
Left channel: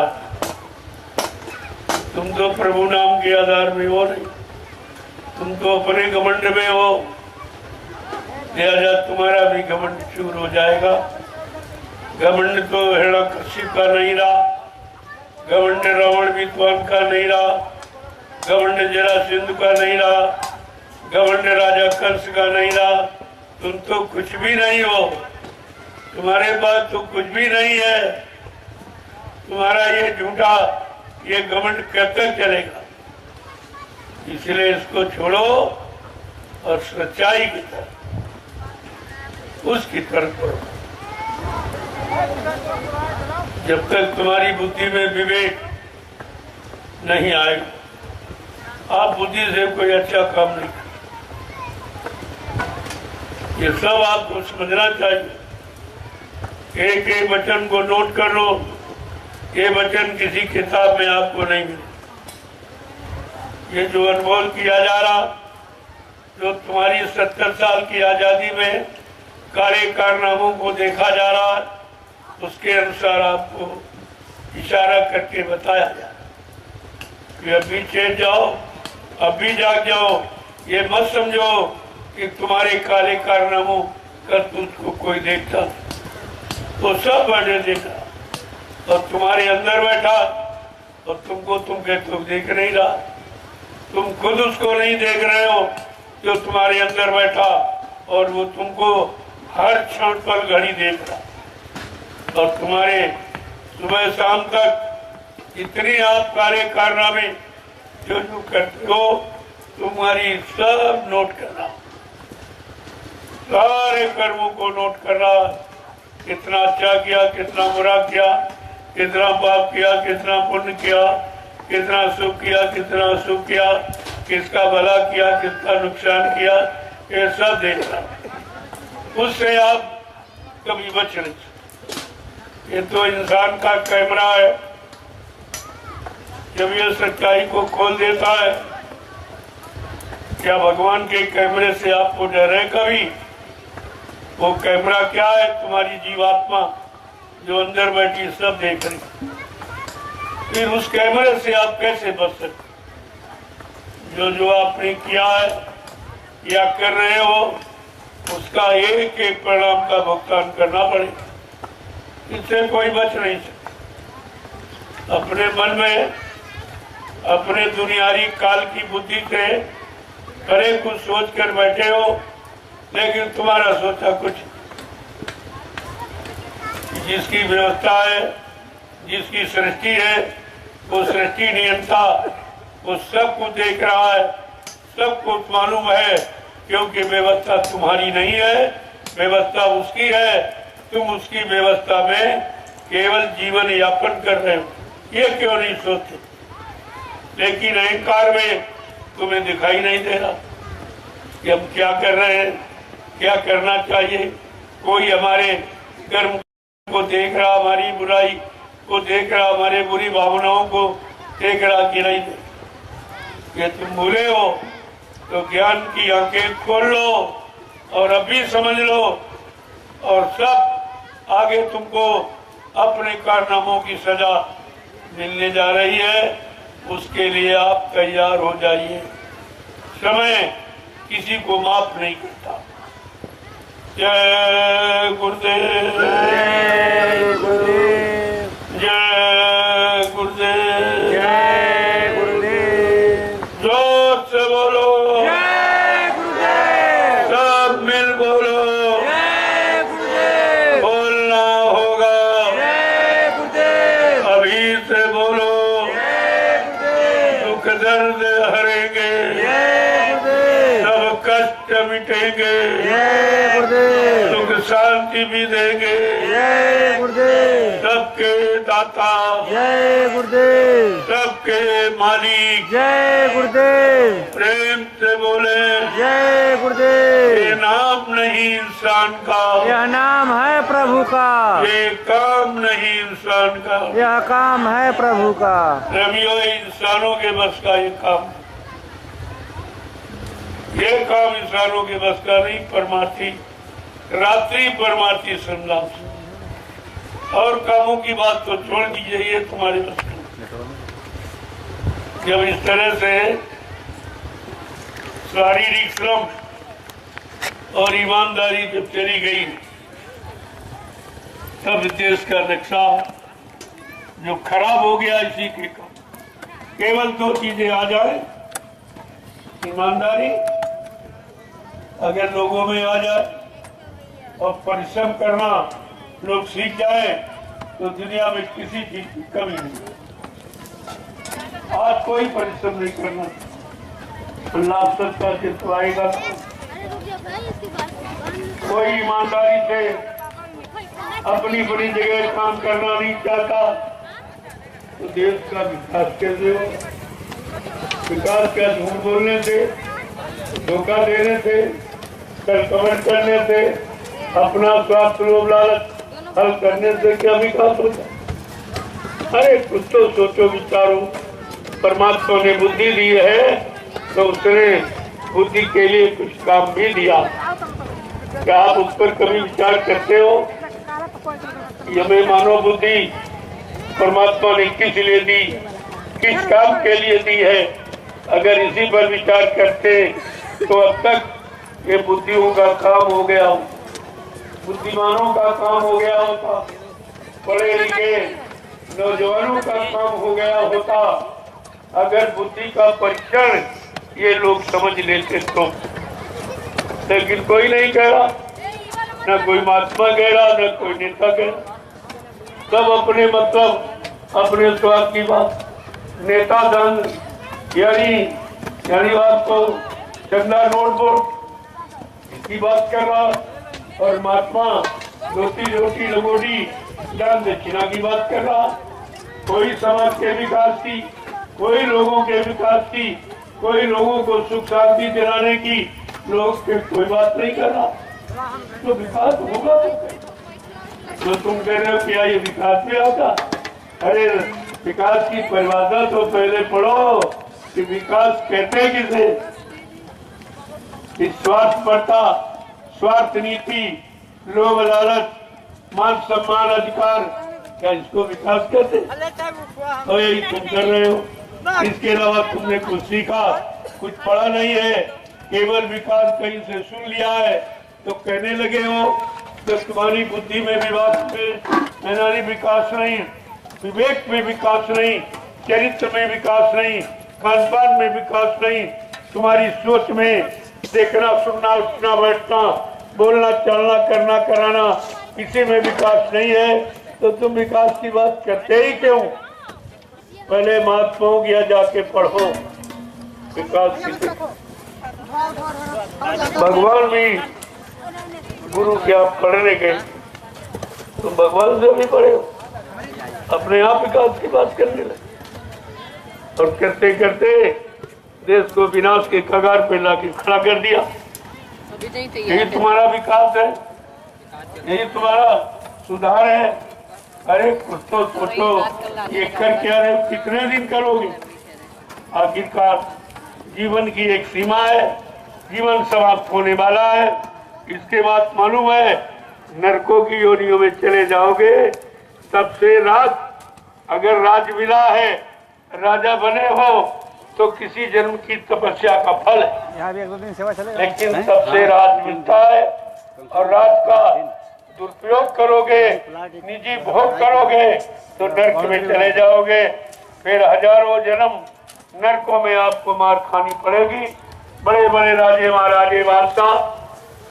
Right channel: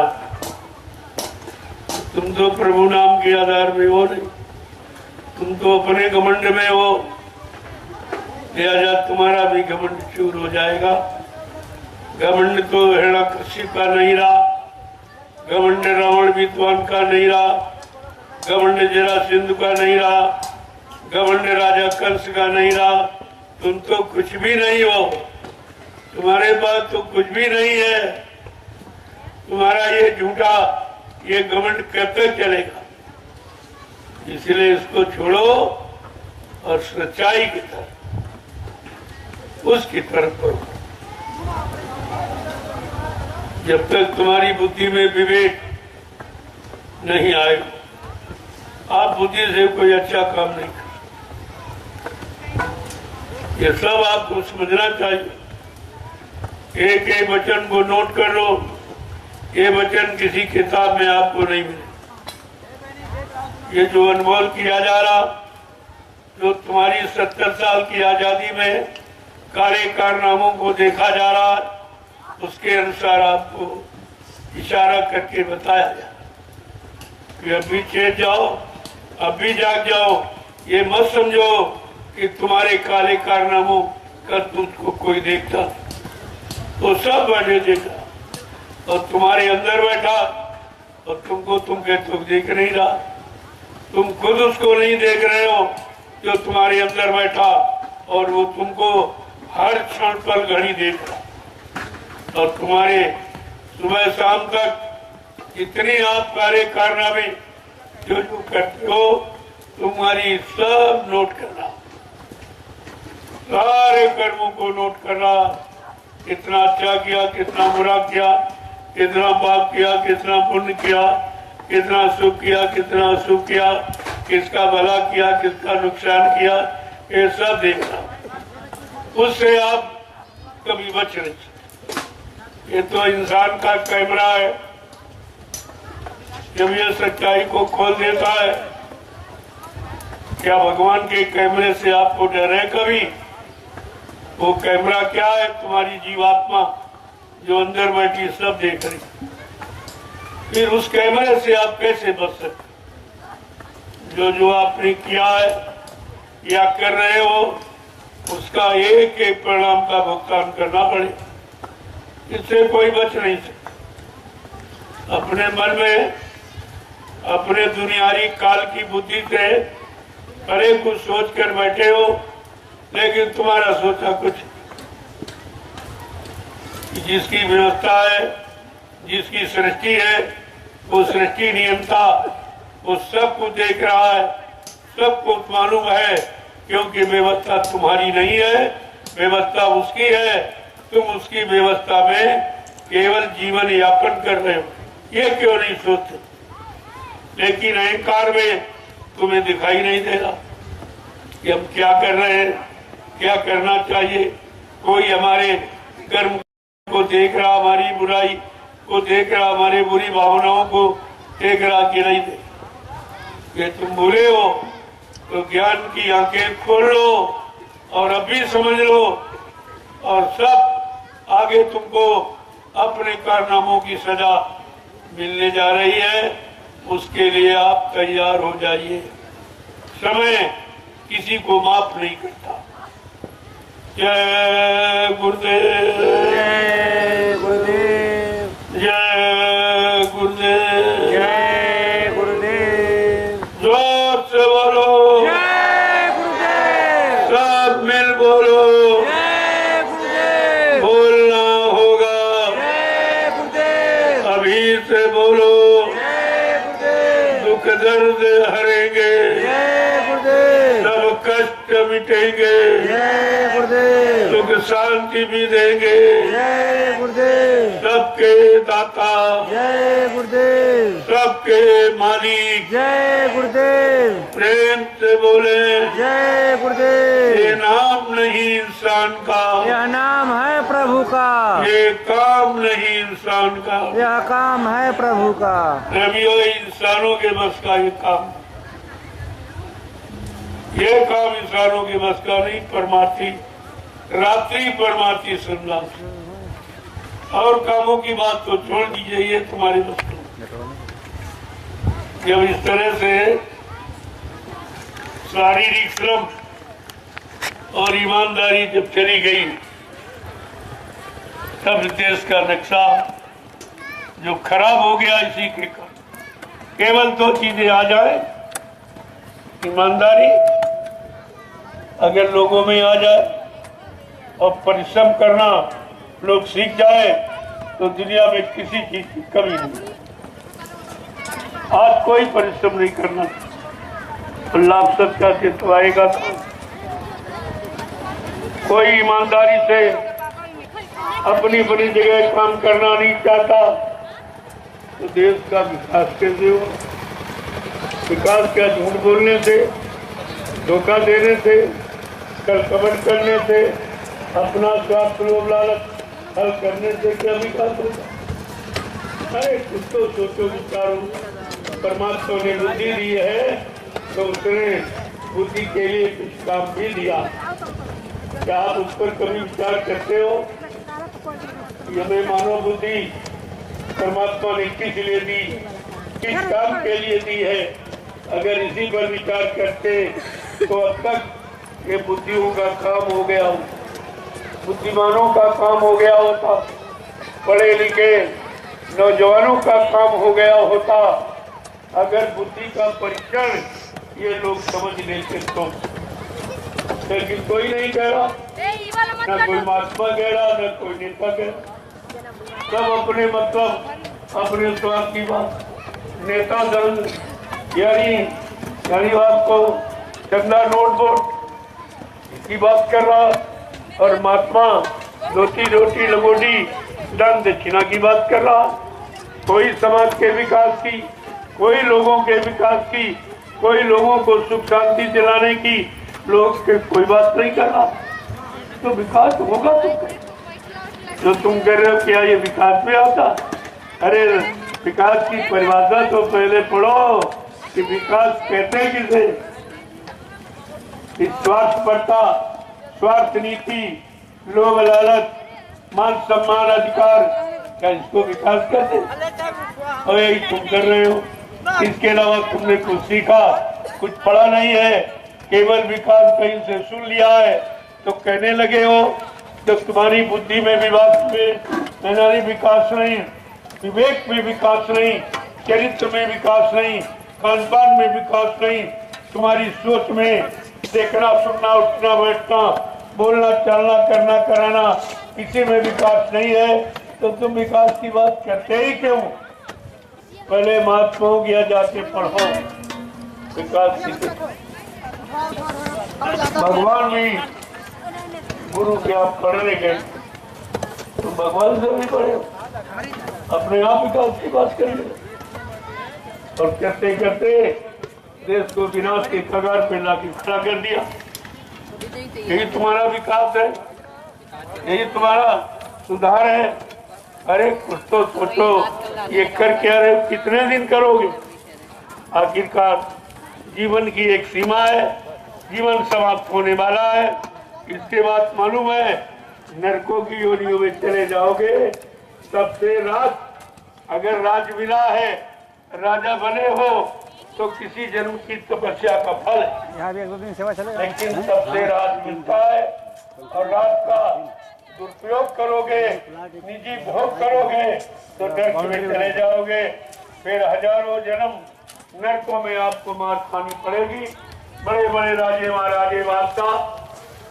तुम तो प्रभु नाम के आधार में हो नहीं, तुम तो अपने घमंड में हो। लिहाजा तुम्हारा भी घमंड चूर हो जाएगा। घमंड तो हिरण्यकशिप का नहीं रहा, घमंड रावण विद्वान का नहीं रहा, घमंड जरासंध का नहीं रहा, घमंड राजा कंस का नहीं रहा। तुम तो कुछ भी नहीं हो, तुम्हारे पास तो कुछ भी नहीं है। तुम्हारा ये झूठा ये घमंड कब तक चलेगा? इसलिए इसको छोड़ो और सच्चाई की तरफ, उसकी तरफ करो। जब तक तुम्हारी बुद्धि में विवेक नहीं आए, आप बुद्धि से कोई अच्छा काम नहीं कर। ये सब आपको समझना चाहिए। एक एक वचन को नोट कर लो। ये वचन किसी किताब में आपको नहीं मिले। ये जो अनमोल किया जा रहा, जो तुम्हारी 70 साल की आजादी में काले कारनामों को देखा जा रहा, उसके अनुसार आपको इशारा करके बताया जा कि अभी चेत जाओ, अभी जाग जाओ। ये मत समझो कि तुम्हारे काले कारनामों का तुझको कोई देखता, तो सब बने देखा और तुम्हारे अंदर बैठा और तुमको तुम कहते देख नहीं रहा। तुम खुद उसको नहीं देख रहे हो जो तुम्हारे अंदर बैठा, और वो तुमको हर क्षण पर घड़ी देख रहा। और तुम्हारे सुबह शाम तक जितनी आप कार्य कारनामे जो जो करते हो, तुम्हारी सब नोट करना, सारे कर्मों को नोट करना। कितना अच्छा किया, कितना बुरा किया, कितना पाप किया, कितना पुण्य किया, कितना सुख किया, कितना अशुभ किया, किसका भला किया, किसका नुकसान किया, ये सब देखना। उससे आप कभी बच नहीं सकते। ये तो इंसान का कैमरा है, जब ये सच्चाई को खोल देता है। क्या भगवान के कैमरे से आपको डर है कभी? वो कैमरा क्या है? तुम्हारी जीवात्मा जो अंदर बैठी सब देख रही। फिर उस कैमरे से आप कैसे बच सकते? जो जो आपने किया है या कर रहे हो, उसका एक एक परिणाम का भुगतान करना पड़े। इससे कोई बच नहीं सकता। अपने मन में अपने दुनियावी काल की बुद्धि से अरे कुछ सोच कर बैठे हो, लेकिन तुम्हारा सोचा कुछ। जिसकी व्यवस्था है, जिसकी सृष्टि है, वो सृष्टि नियंता वो सब कुछ देख रहा है, सब कुछ मालूम है, क्योंकि व्यवस्था तुम्हारी नहीं है, व्यवस्था उसकी है। तुम उसकी व्यवस्था में केवल जीवन यापन कर रहे हो, ये क्यों नहीं सोचते? लेकिन अहंकार में तुम्हें दिखाई नहीं दे रहा कि हम क्या कर रहे हैं, क्या करना चाहिए। कोई हमारे कर्म को देख रहा, हमारी बुराई को देख रहा, हमारी बुरी भावनाओं को देख रहा कि नहीं? ये तुम बुरे हो तो ज्ञान की आंखें खोल लो और अभी समझ लो, और सब आगे तुमको अपने कारनामों की सजा मिलने जा रही है, उसके लिए आप तैयार हो जाइए। समय किसी को माफ नहीं करता। जय गुरुदेव, जय गुरुदेव, जय गुरुदेव, जय गुरुदेव, जोर से बोलो, जय गुरुदेव, सब मिल बोलो, जय गुरुदेव, बोलना होगा, जय गुरुदेव, अभी से बोलो, जय गुरुदेव, दुख दर्द हरेंगे, जय गुरुदेव, सब कष्ट मिटेंगे, जय गुरुदेव, सुख शांति भी देंगे, जय गुरुदेव, सबके दाता, जय गुरुदेव, सबके मालिक, जय गुरुदेव, प्रेम से बोले, जय ये गुरुदेव। नाम नहीं इंसान का, यह नाम है प्रभु का, ये काम नहीं इंसान का। यह काम है प्रभु का। रवियों इंसानों के बस का ये काम इंसानों के बस का नहीं। परमार्थी रात्रि परमार्थी संन्यास और कामों की बात तो छोड़ दीजिए, ये तुम्हारे बस का। जब इस तरह से शारीरिक श्रम और ईमानदारी जब चली गई, तब देश का नक्शा जो खराब हो गया इसी के कारण। केवल दो चीजें आ जाए, ईमानदारी अगर लोगों में आ जाए और परिश्रम करना लोग सीख जाए तो दुनिया में किसी चीज की कमी नहीं। आज कोई परिश्रम नहीं करना, अल्लाह सच्चा से तो आएगा। कोई ईमानदारी से अपनी बड़ी जगह काम करना नहीं चाहता तो देश का विकास कैसे हो? विकास क्या झूठ बोलने से, धोखा देने से, कल कमर करने से, अपना स्वार्थ लोभ लालच हल करने से क्या विकास होता? अरे कुछ तो सोचो, विचारो। परमात्मा ने बुद्धि दी है तो उसने बुद्धि के लिए कुछ काम भी दिया। क्या आप उस पर कभी विचार करते हो? ये मैं मानव बुद्धि परमात्मा ने किस लिए दी, किस काम के लिए दी है? अगर इसी पर विचार करते तो अब तक ये बुद्धियों का काम हो गया, बुद्धिमानों का काम हो गया होता, पढ़े लिखे नौजवानों का काम हो गया होता। अगर बुद्धि का परीक्षण ये लोग समझ लेते तो। लेकिन कोई नहीं कह रहा, न कोई महात्मा कह रहा, न कोई नेता कह रहा। सब अपने मतलब, अपने स्वार्थ की बात। नेता धन यानी आपको चंदा नोट बोट की बात कर रहा और महात्मा रोटी रोटी लगोटी दान दक्षिणा की बात कर रहा। कोई समाज के विकास की, कोई लोगों के विकास की, कोई लोगों को सुख शांति दिलाने की लोग के कोई बात नहीं कर रहा। तो विकास होगा तो तुम कह रहे हो क्या ये विकास में आता? अरे विकास की परिभाषा तो पहले पढ़ो कि विकास कहते हैं किसे। इस स्वार्थपरता, स्वार्थ नीति, लोभ लालच, मान सम्मान अधिकार, क्या इसको विकास कहते? और यही तुम कर रहे हो। इसके अलावा तुमने कुछ सीखा, कुछ पढ़ा नहीं है, केवल विकास कहीं से सुन लिया है तो कहने लगे हो। तो तुम्हारी बुद्धि में विकास नहीं, विवेक में विकास नहीं, चरित्र में विकास नहीं, खान पान में विकास नहीं, तुम्हारी सोच में देखना सुनना उठना बैठना बोलना चलना करना कराना किसी में विकास नहीं है। तो तुम विकास की बात करते ही क्यों? पहले महात्माओं की जाके पढ़ो विकास की। भगवान भी गुरु के आप पढ़ने गए तो भगवान से भी पढ़े, अपने आप विकास की बात करने लगे और करते करते देश को विनाश के कगार पे लाके खड़ा कर दिया। यही तुम्हारा विकास है, यही तुम्हारा सुधार है। अरे कुछ तो सोचो, ये कर क्या रहे हो, कितने दिन करोगे? आखिरकार जीवन की एक सीमा है, जीवन समाप्त होने वाला है। इसके बाद मालूम है नरकों की योनियों में चले जाओगे। सबसे अगर राज मिला है, राजा बने हो, तो किसी जन्म की तपस्या का फल है। यहाँ भी 1-2 दिन सेवा चलेगा। लेकिन सबसे राज मिलता है और राज का दुरुपयोग करोगे, निजी भोग करोगे, तो नरक में चले जाओगे। फिर हजारों जन्म नरकों में आपको मार खानी पड़ेगी। बड़े बड़े राजे महाराजे बादशाह,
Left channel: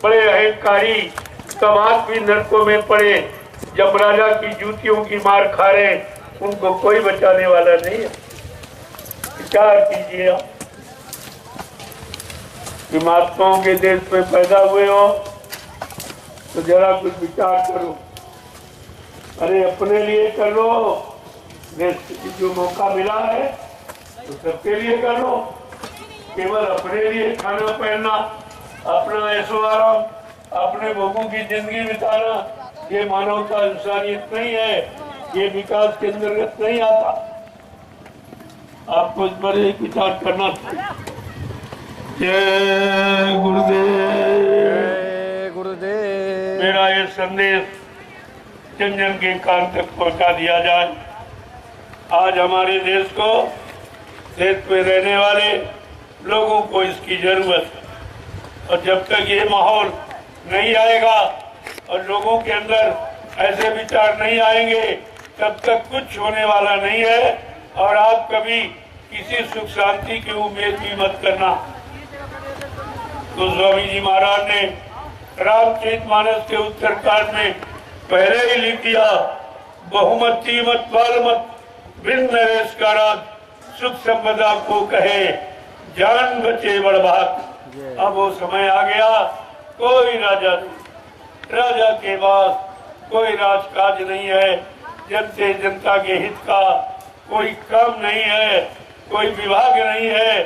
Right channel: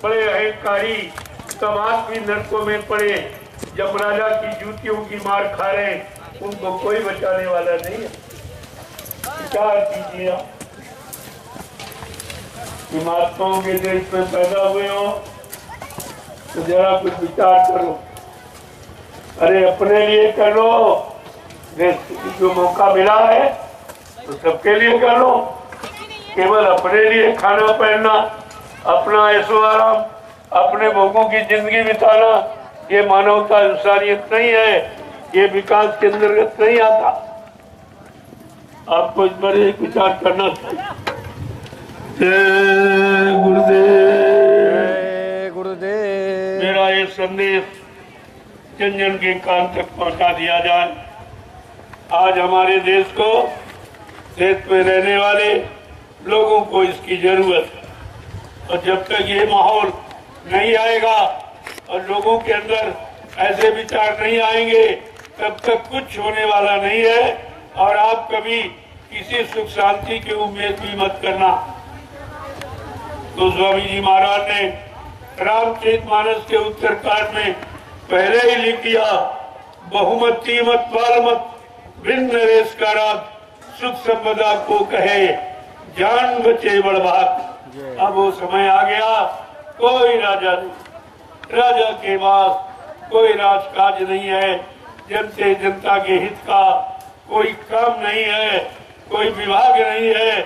बड़े अहंकारी समाज भी नरकों में पड़े, जब राजा की जूतियों की मार खा रहे, उनको कोई बचाने वाला नहीं है। विचार कीजिए आप, महात्माओं के देश में पैदा हुए हो तो जरा कुछ विचार करो। अरे अपने लिए करो, जो मौका मिला है तो सबके लिए करो। केवल अपने लिए खाना पहनना, अपना ऐशो आराम, अपने भोगों की जिंदगी बिताना, ये मानवता इंसानियत नहीं है, ये विकास के अंतर्गत नहीं आता। आपको इस पर एक विचार करना चाहिए। जय गुरुदेव। जय गुरुदेव। मेरा ये संदेश जन जन के कान तक पहुंचा दिया जाए। आज हमारे देश में रहने वाले लोगों को इसकी जरूरत है, और जब तक ये माहौल नहीं आएगा और लोगों के अंदर ऐसे विचार नहीं आएंगे, तब तक कुछ होने वाला नहीं है। और आप कभी किसी सुख शांति की उम्मीद भी मत करना। तो स्वामी जी महाराज ने रामचरितमानस के उत्तरकांड में पहले ही लिख दिया, बहुमती मत बाल मत बिन नरेश का राज, सुख संपदा को कहे जान बचे बड़भाग। अब वो समय आ गया, कोई राजा नहीं, राजा के पास कोई राजकाज नहीं है, जनते जनता के हित का कोई काम नहीं है, कोई विभाग नहीं है।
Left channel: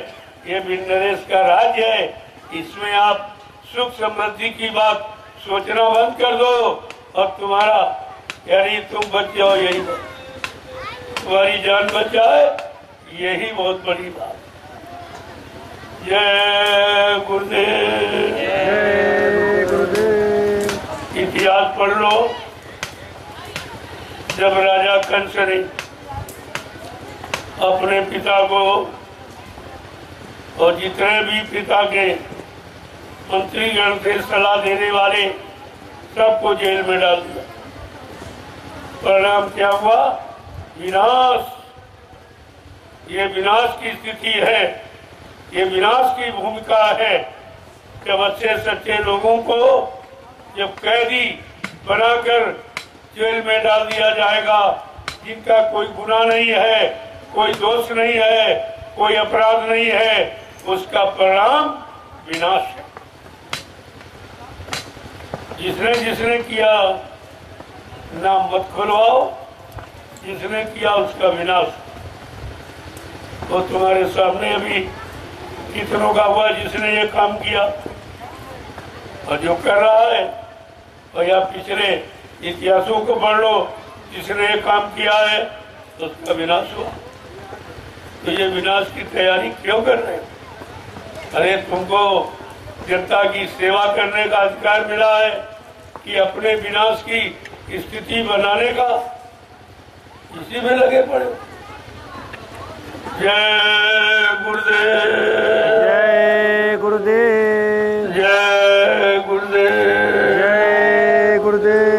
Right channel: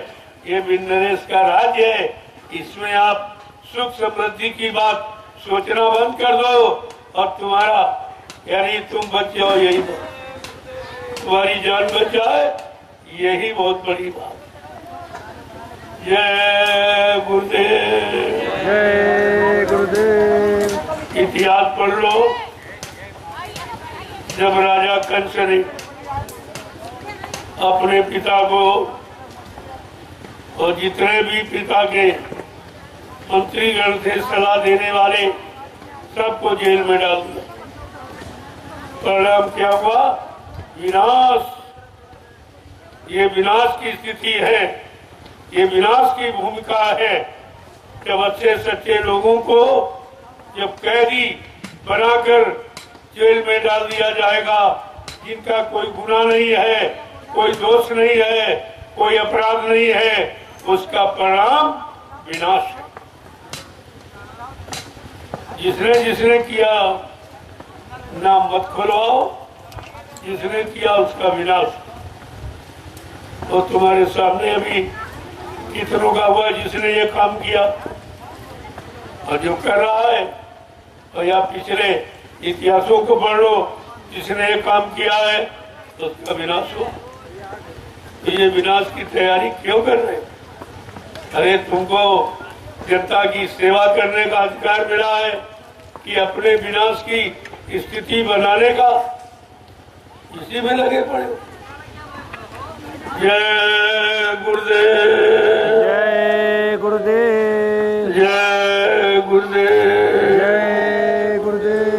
ये बिन नरेश का राज्य है। इसमें आप सुख समृद्धि की बात सोचना बंद कर दो, और तुम्हारा यानी तुम बच जाओ, यही तुम्हारी जान बच जाए, यही बहुत बड़ी बात। जय गुरुदेव। जय गुरुदेव। इतिहास पढ़ लो, जब राजा कंस ने अपने पिता को और जितने भी पिता के मंत्रीगण थे, सलाह देने वाले, सबको जेल में डाल दिया। परिणाम क्या हुआ? विनाश। ये विनाश की स्थिति है, ये विनाश की भूमिका है। जब अच्छे सच्चे लोगों को जब कैदी बनाकर जेल में डाल दिया जाएगा, जिनका कोई गुनाह नहीं है, कोई दोष नहीं है, कोई अपराध नहीं है, उसका परिणाम विनाश है। जिसने जिसने किया नाम मत खुलवाओ, जिसने किया उसका विनाश। तो तुम्हारे सामने अभी कितनों का हुआ जिसने ये काम किया, और जो कर रहा है, और या पिछले इतिहासों को पढ़ लो, जिसने ये काम किया है तो उसका विनाश हुआ। तो ये विनाश की तैयारी क्यों कर रहे? अरे तुमको जनता की सेवा करने का अधिकार मिला है कि अपने विनाश की स्थिति बनाने का, इसी में लगे पड़े। जय गुरुदेव। जय गुरुदेव। जय गुरुदेव। जय गुरुदेव।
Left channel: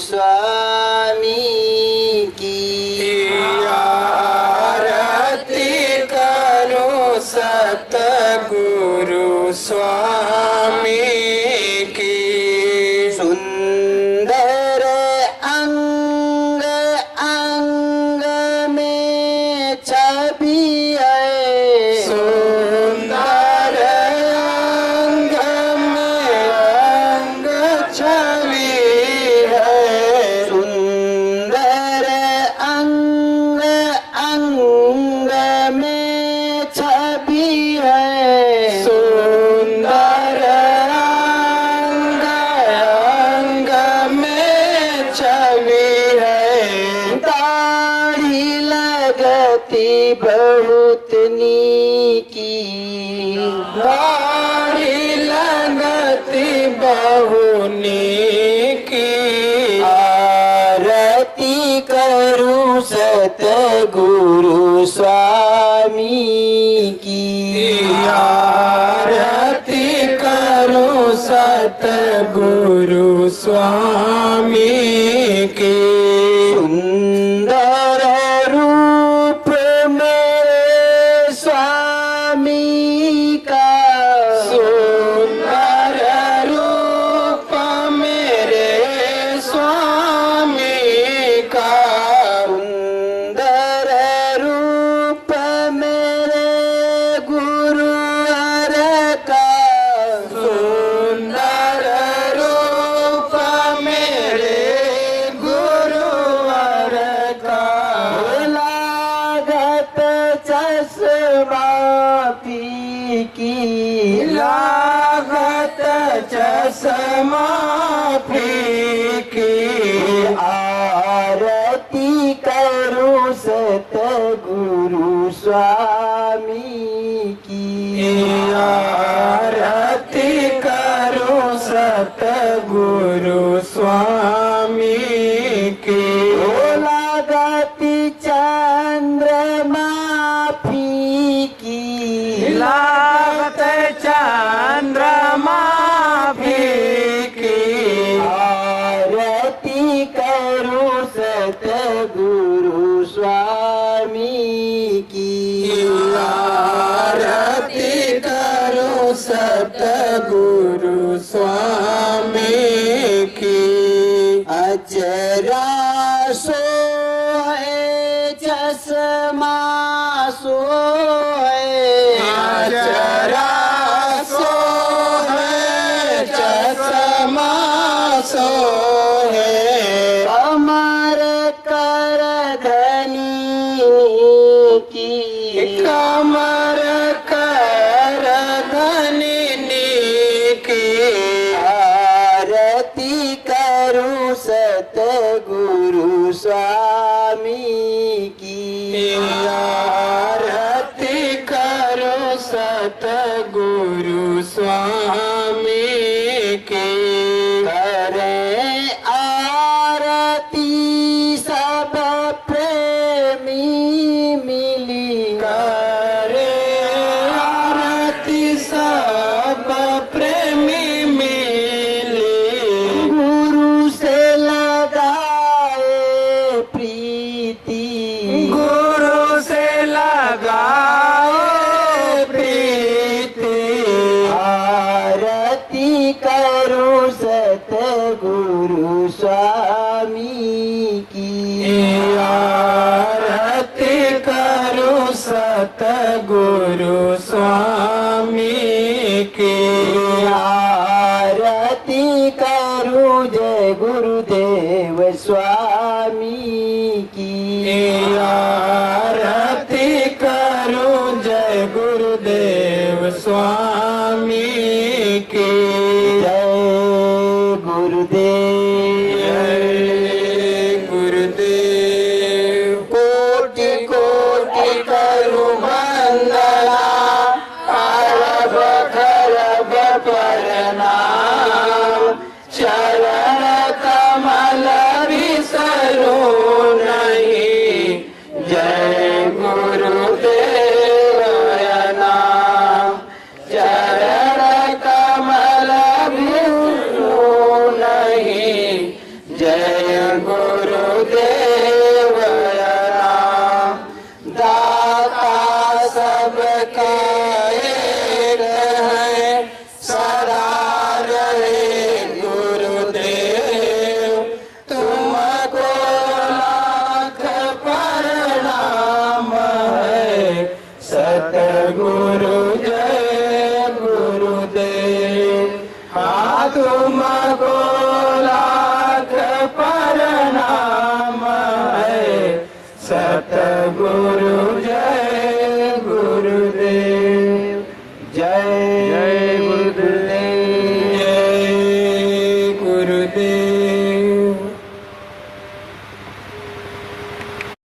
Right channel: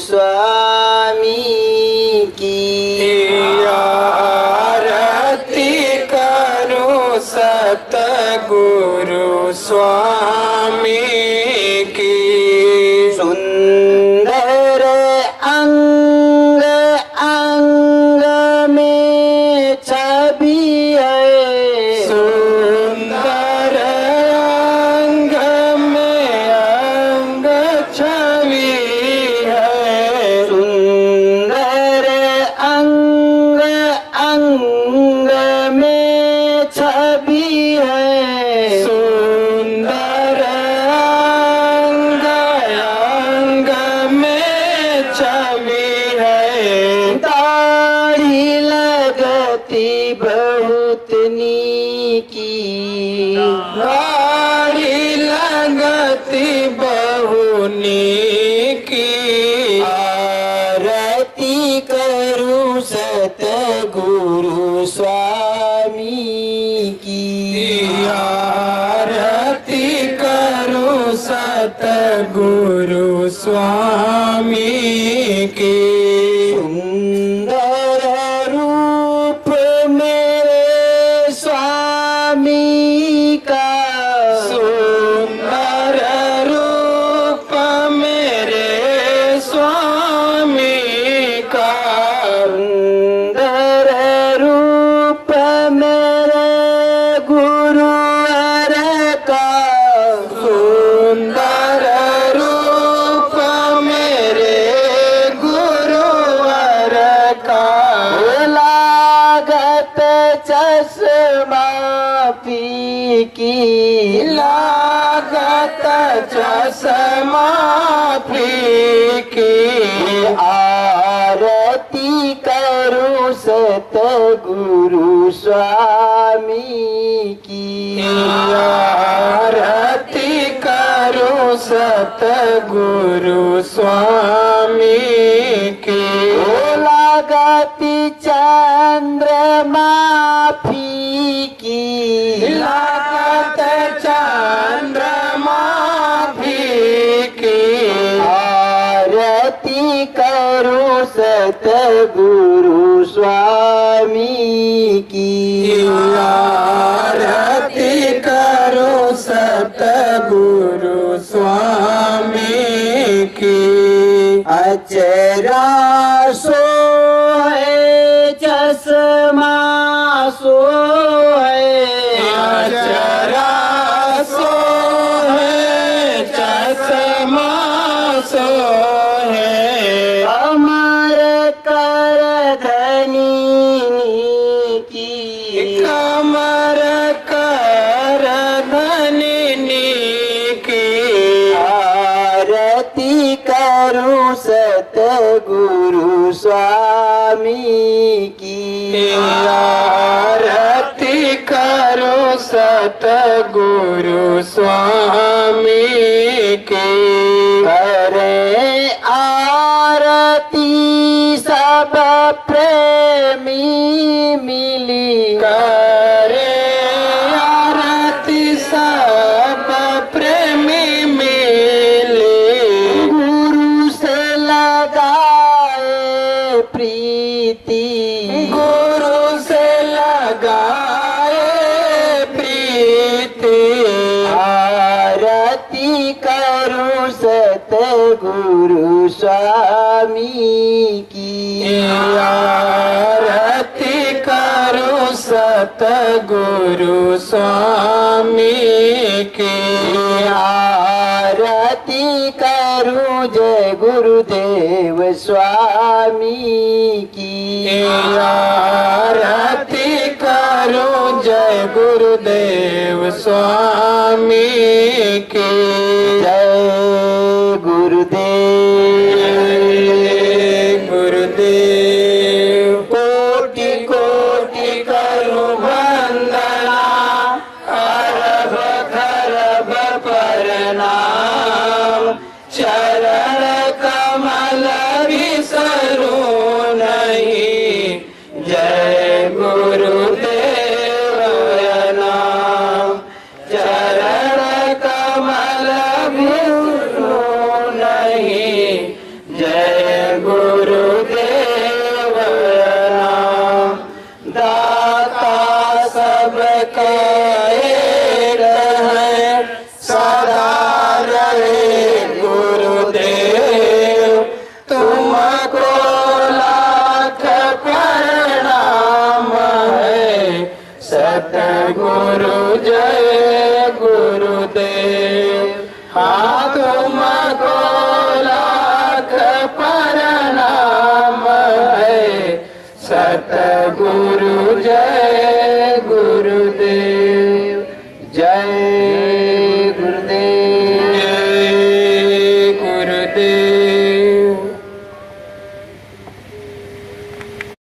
स्वामी की आरती स्वामी की। सुंदर अंग अंग में छवि है, सुंदर अंग में अंग छवि है, सुंदर अंग अंग में छवि है, सुंदर अंग अंग में छवि है। दाढ़ी लगती बहुत नीकी, दाढ़ी लगती बहु नीकी। आरती करूं सतगुरु स्वामी की, आरती करूं सतगुरु स्वामी की। सुंदर रूप मेरे स्वामी का, सुंदर रूप मेरे स्वामी का, सुंदर रूप मेरे गुरुवर का, सुंदर रूप मेरे गुरुवर का। लागत चश्मा फीकी, लागत चश्मा फीकी। आरती करूं सतगुरु स्वामी की, आरती करूं सतगुरु स्वामी की। लागती चंद्रमा फीकी, लागत चंद्रमा फीकी। आरती करूं सतगुरु स्वामी की, आरती करूं सतगुरु स्वामी की। अचरा सोए चश्मा सोए, अचरा सोए चश्मा सोए। अमर कर धनी की, कमर कर धनी की। आरती करूं सतगुरु स्वामी की, आरती करूं सतगुरु स्वामी की। करें आरती सब प्रेमी मिली, करें आरती सब प्रेमी मिली। गुरु से लगाए प्रीति, गुरु से लगाए प्रीति। आरती करूं सतगुरु स्वामी की, आरती करूं सतगुरु स्वामी की। आरती करूं जय गुरुदेव स्वामी की, आरती करूं जय गुरुदेव स्वामी की। जय गुरुदेव, गुरुदेव। कोटि कोटि करूं वंदना, अरब खरब प्रणाम। चरण कमल बिसरूं नहीं, हाँ तुमको लाख प्रणाम है। सतगुरु जय गुरुदेव।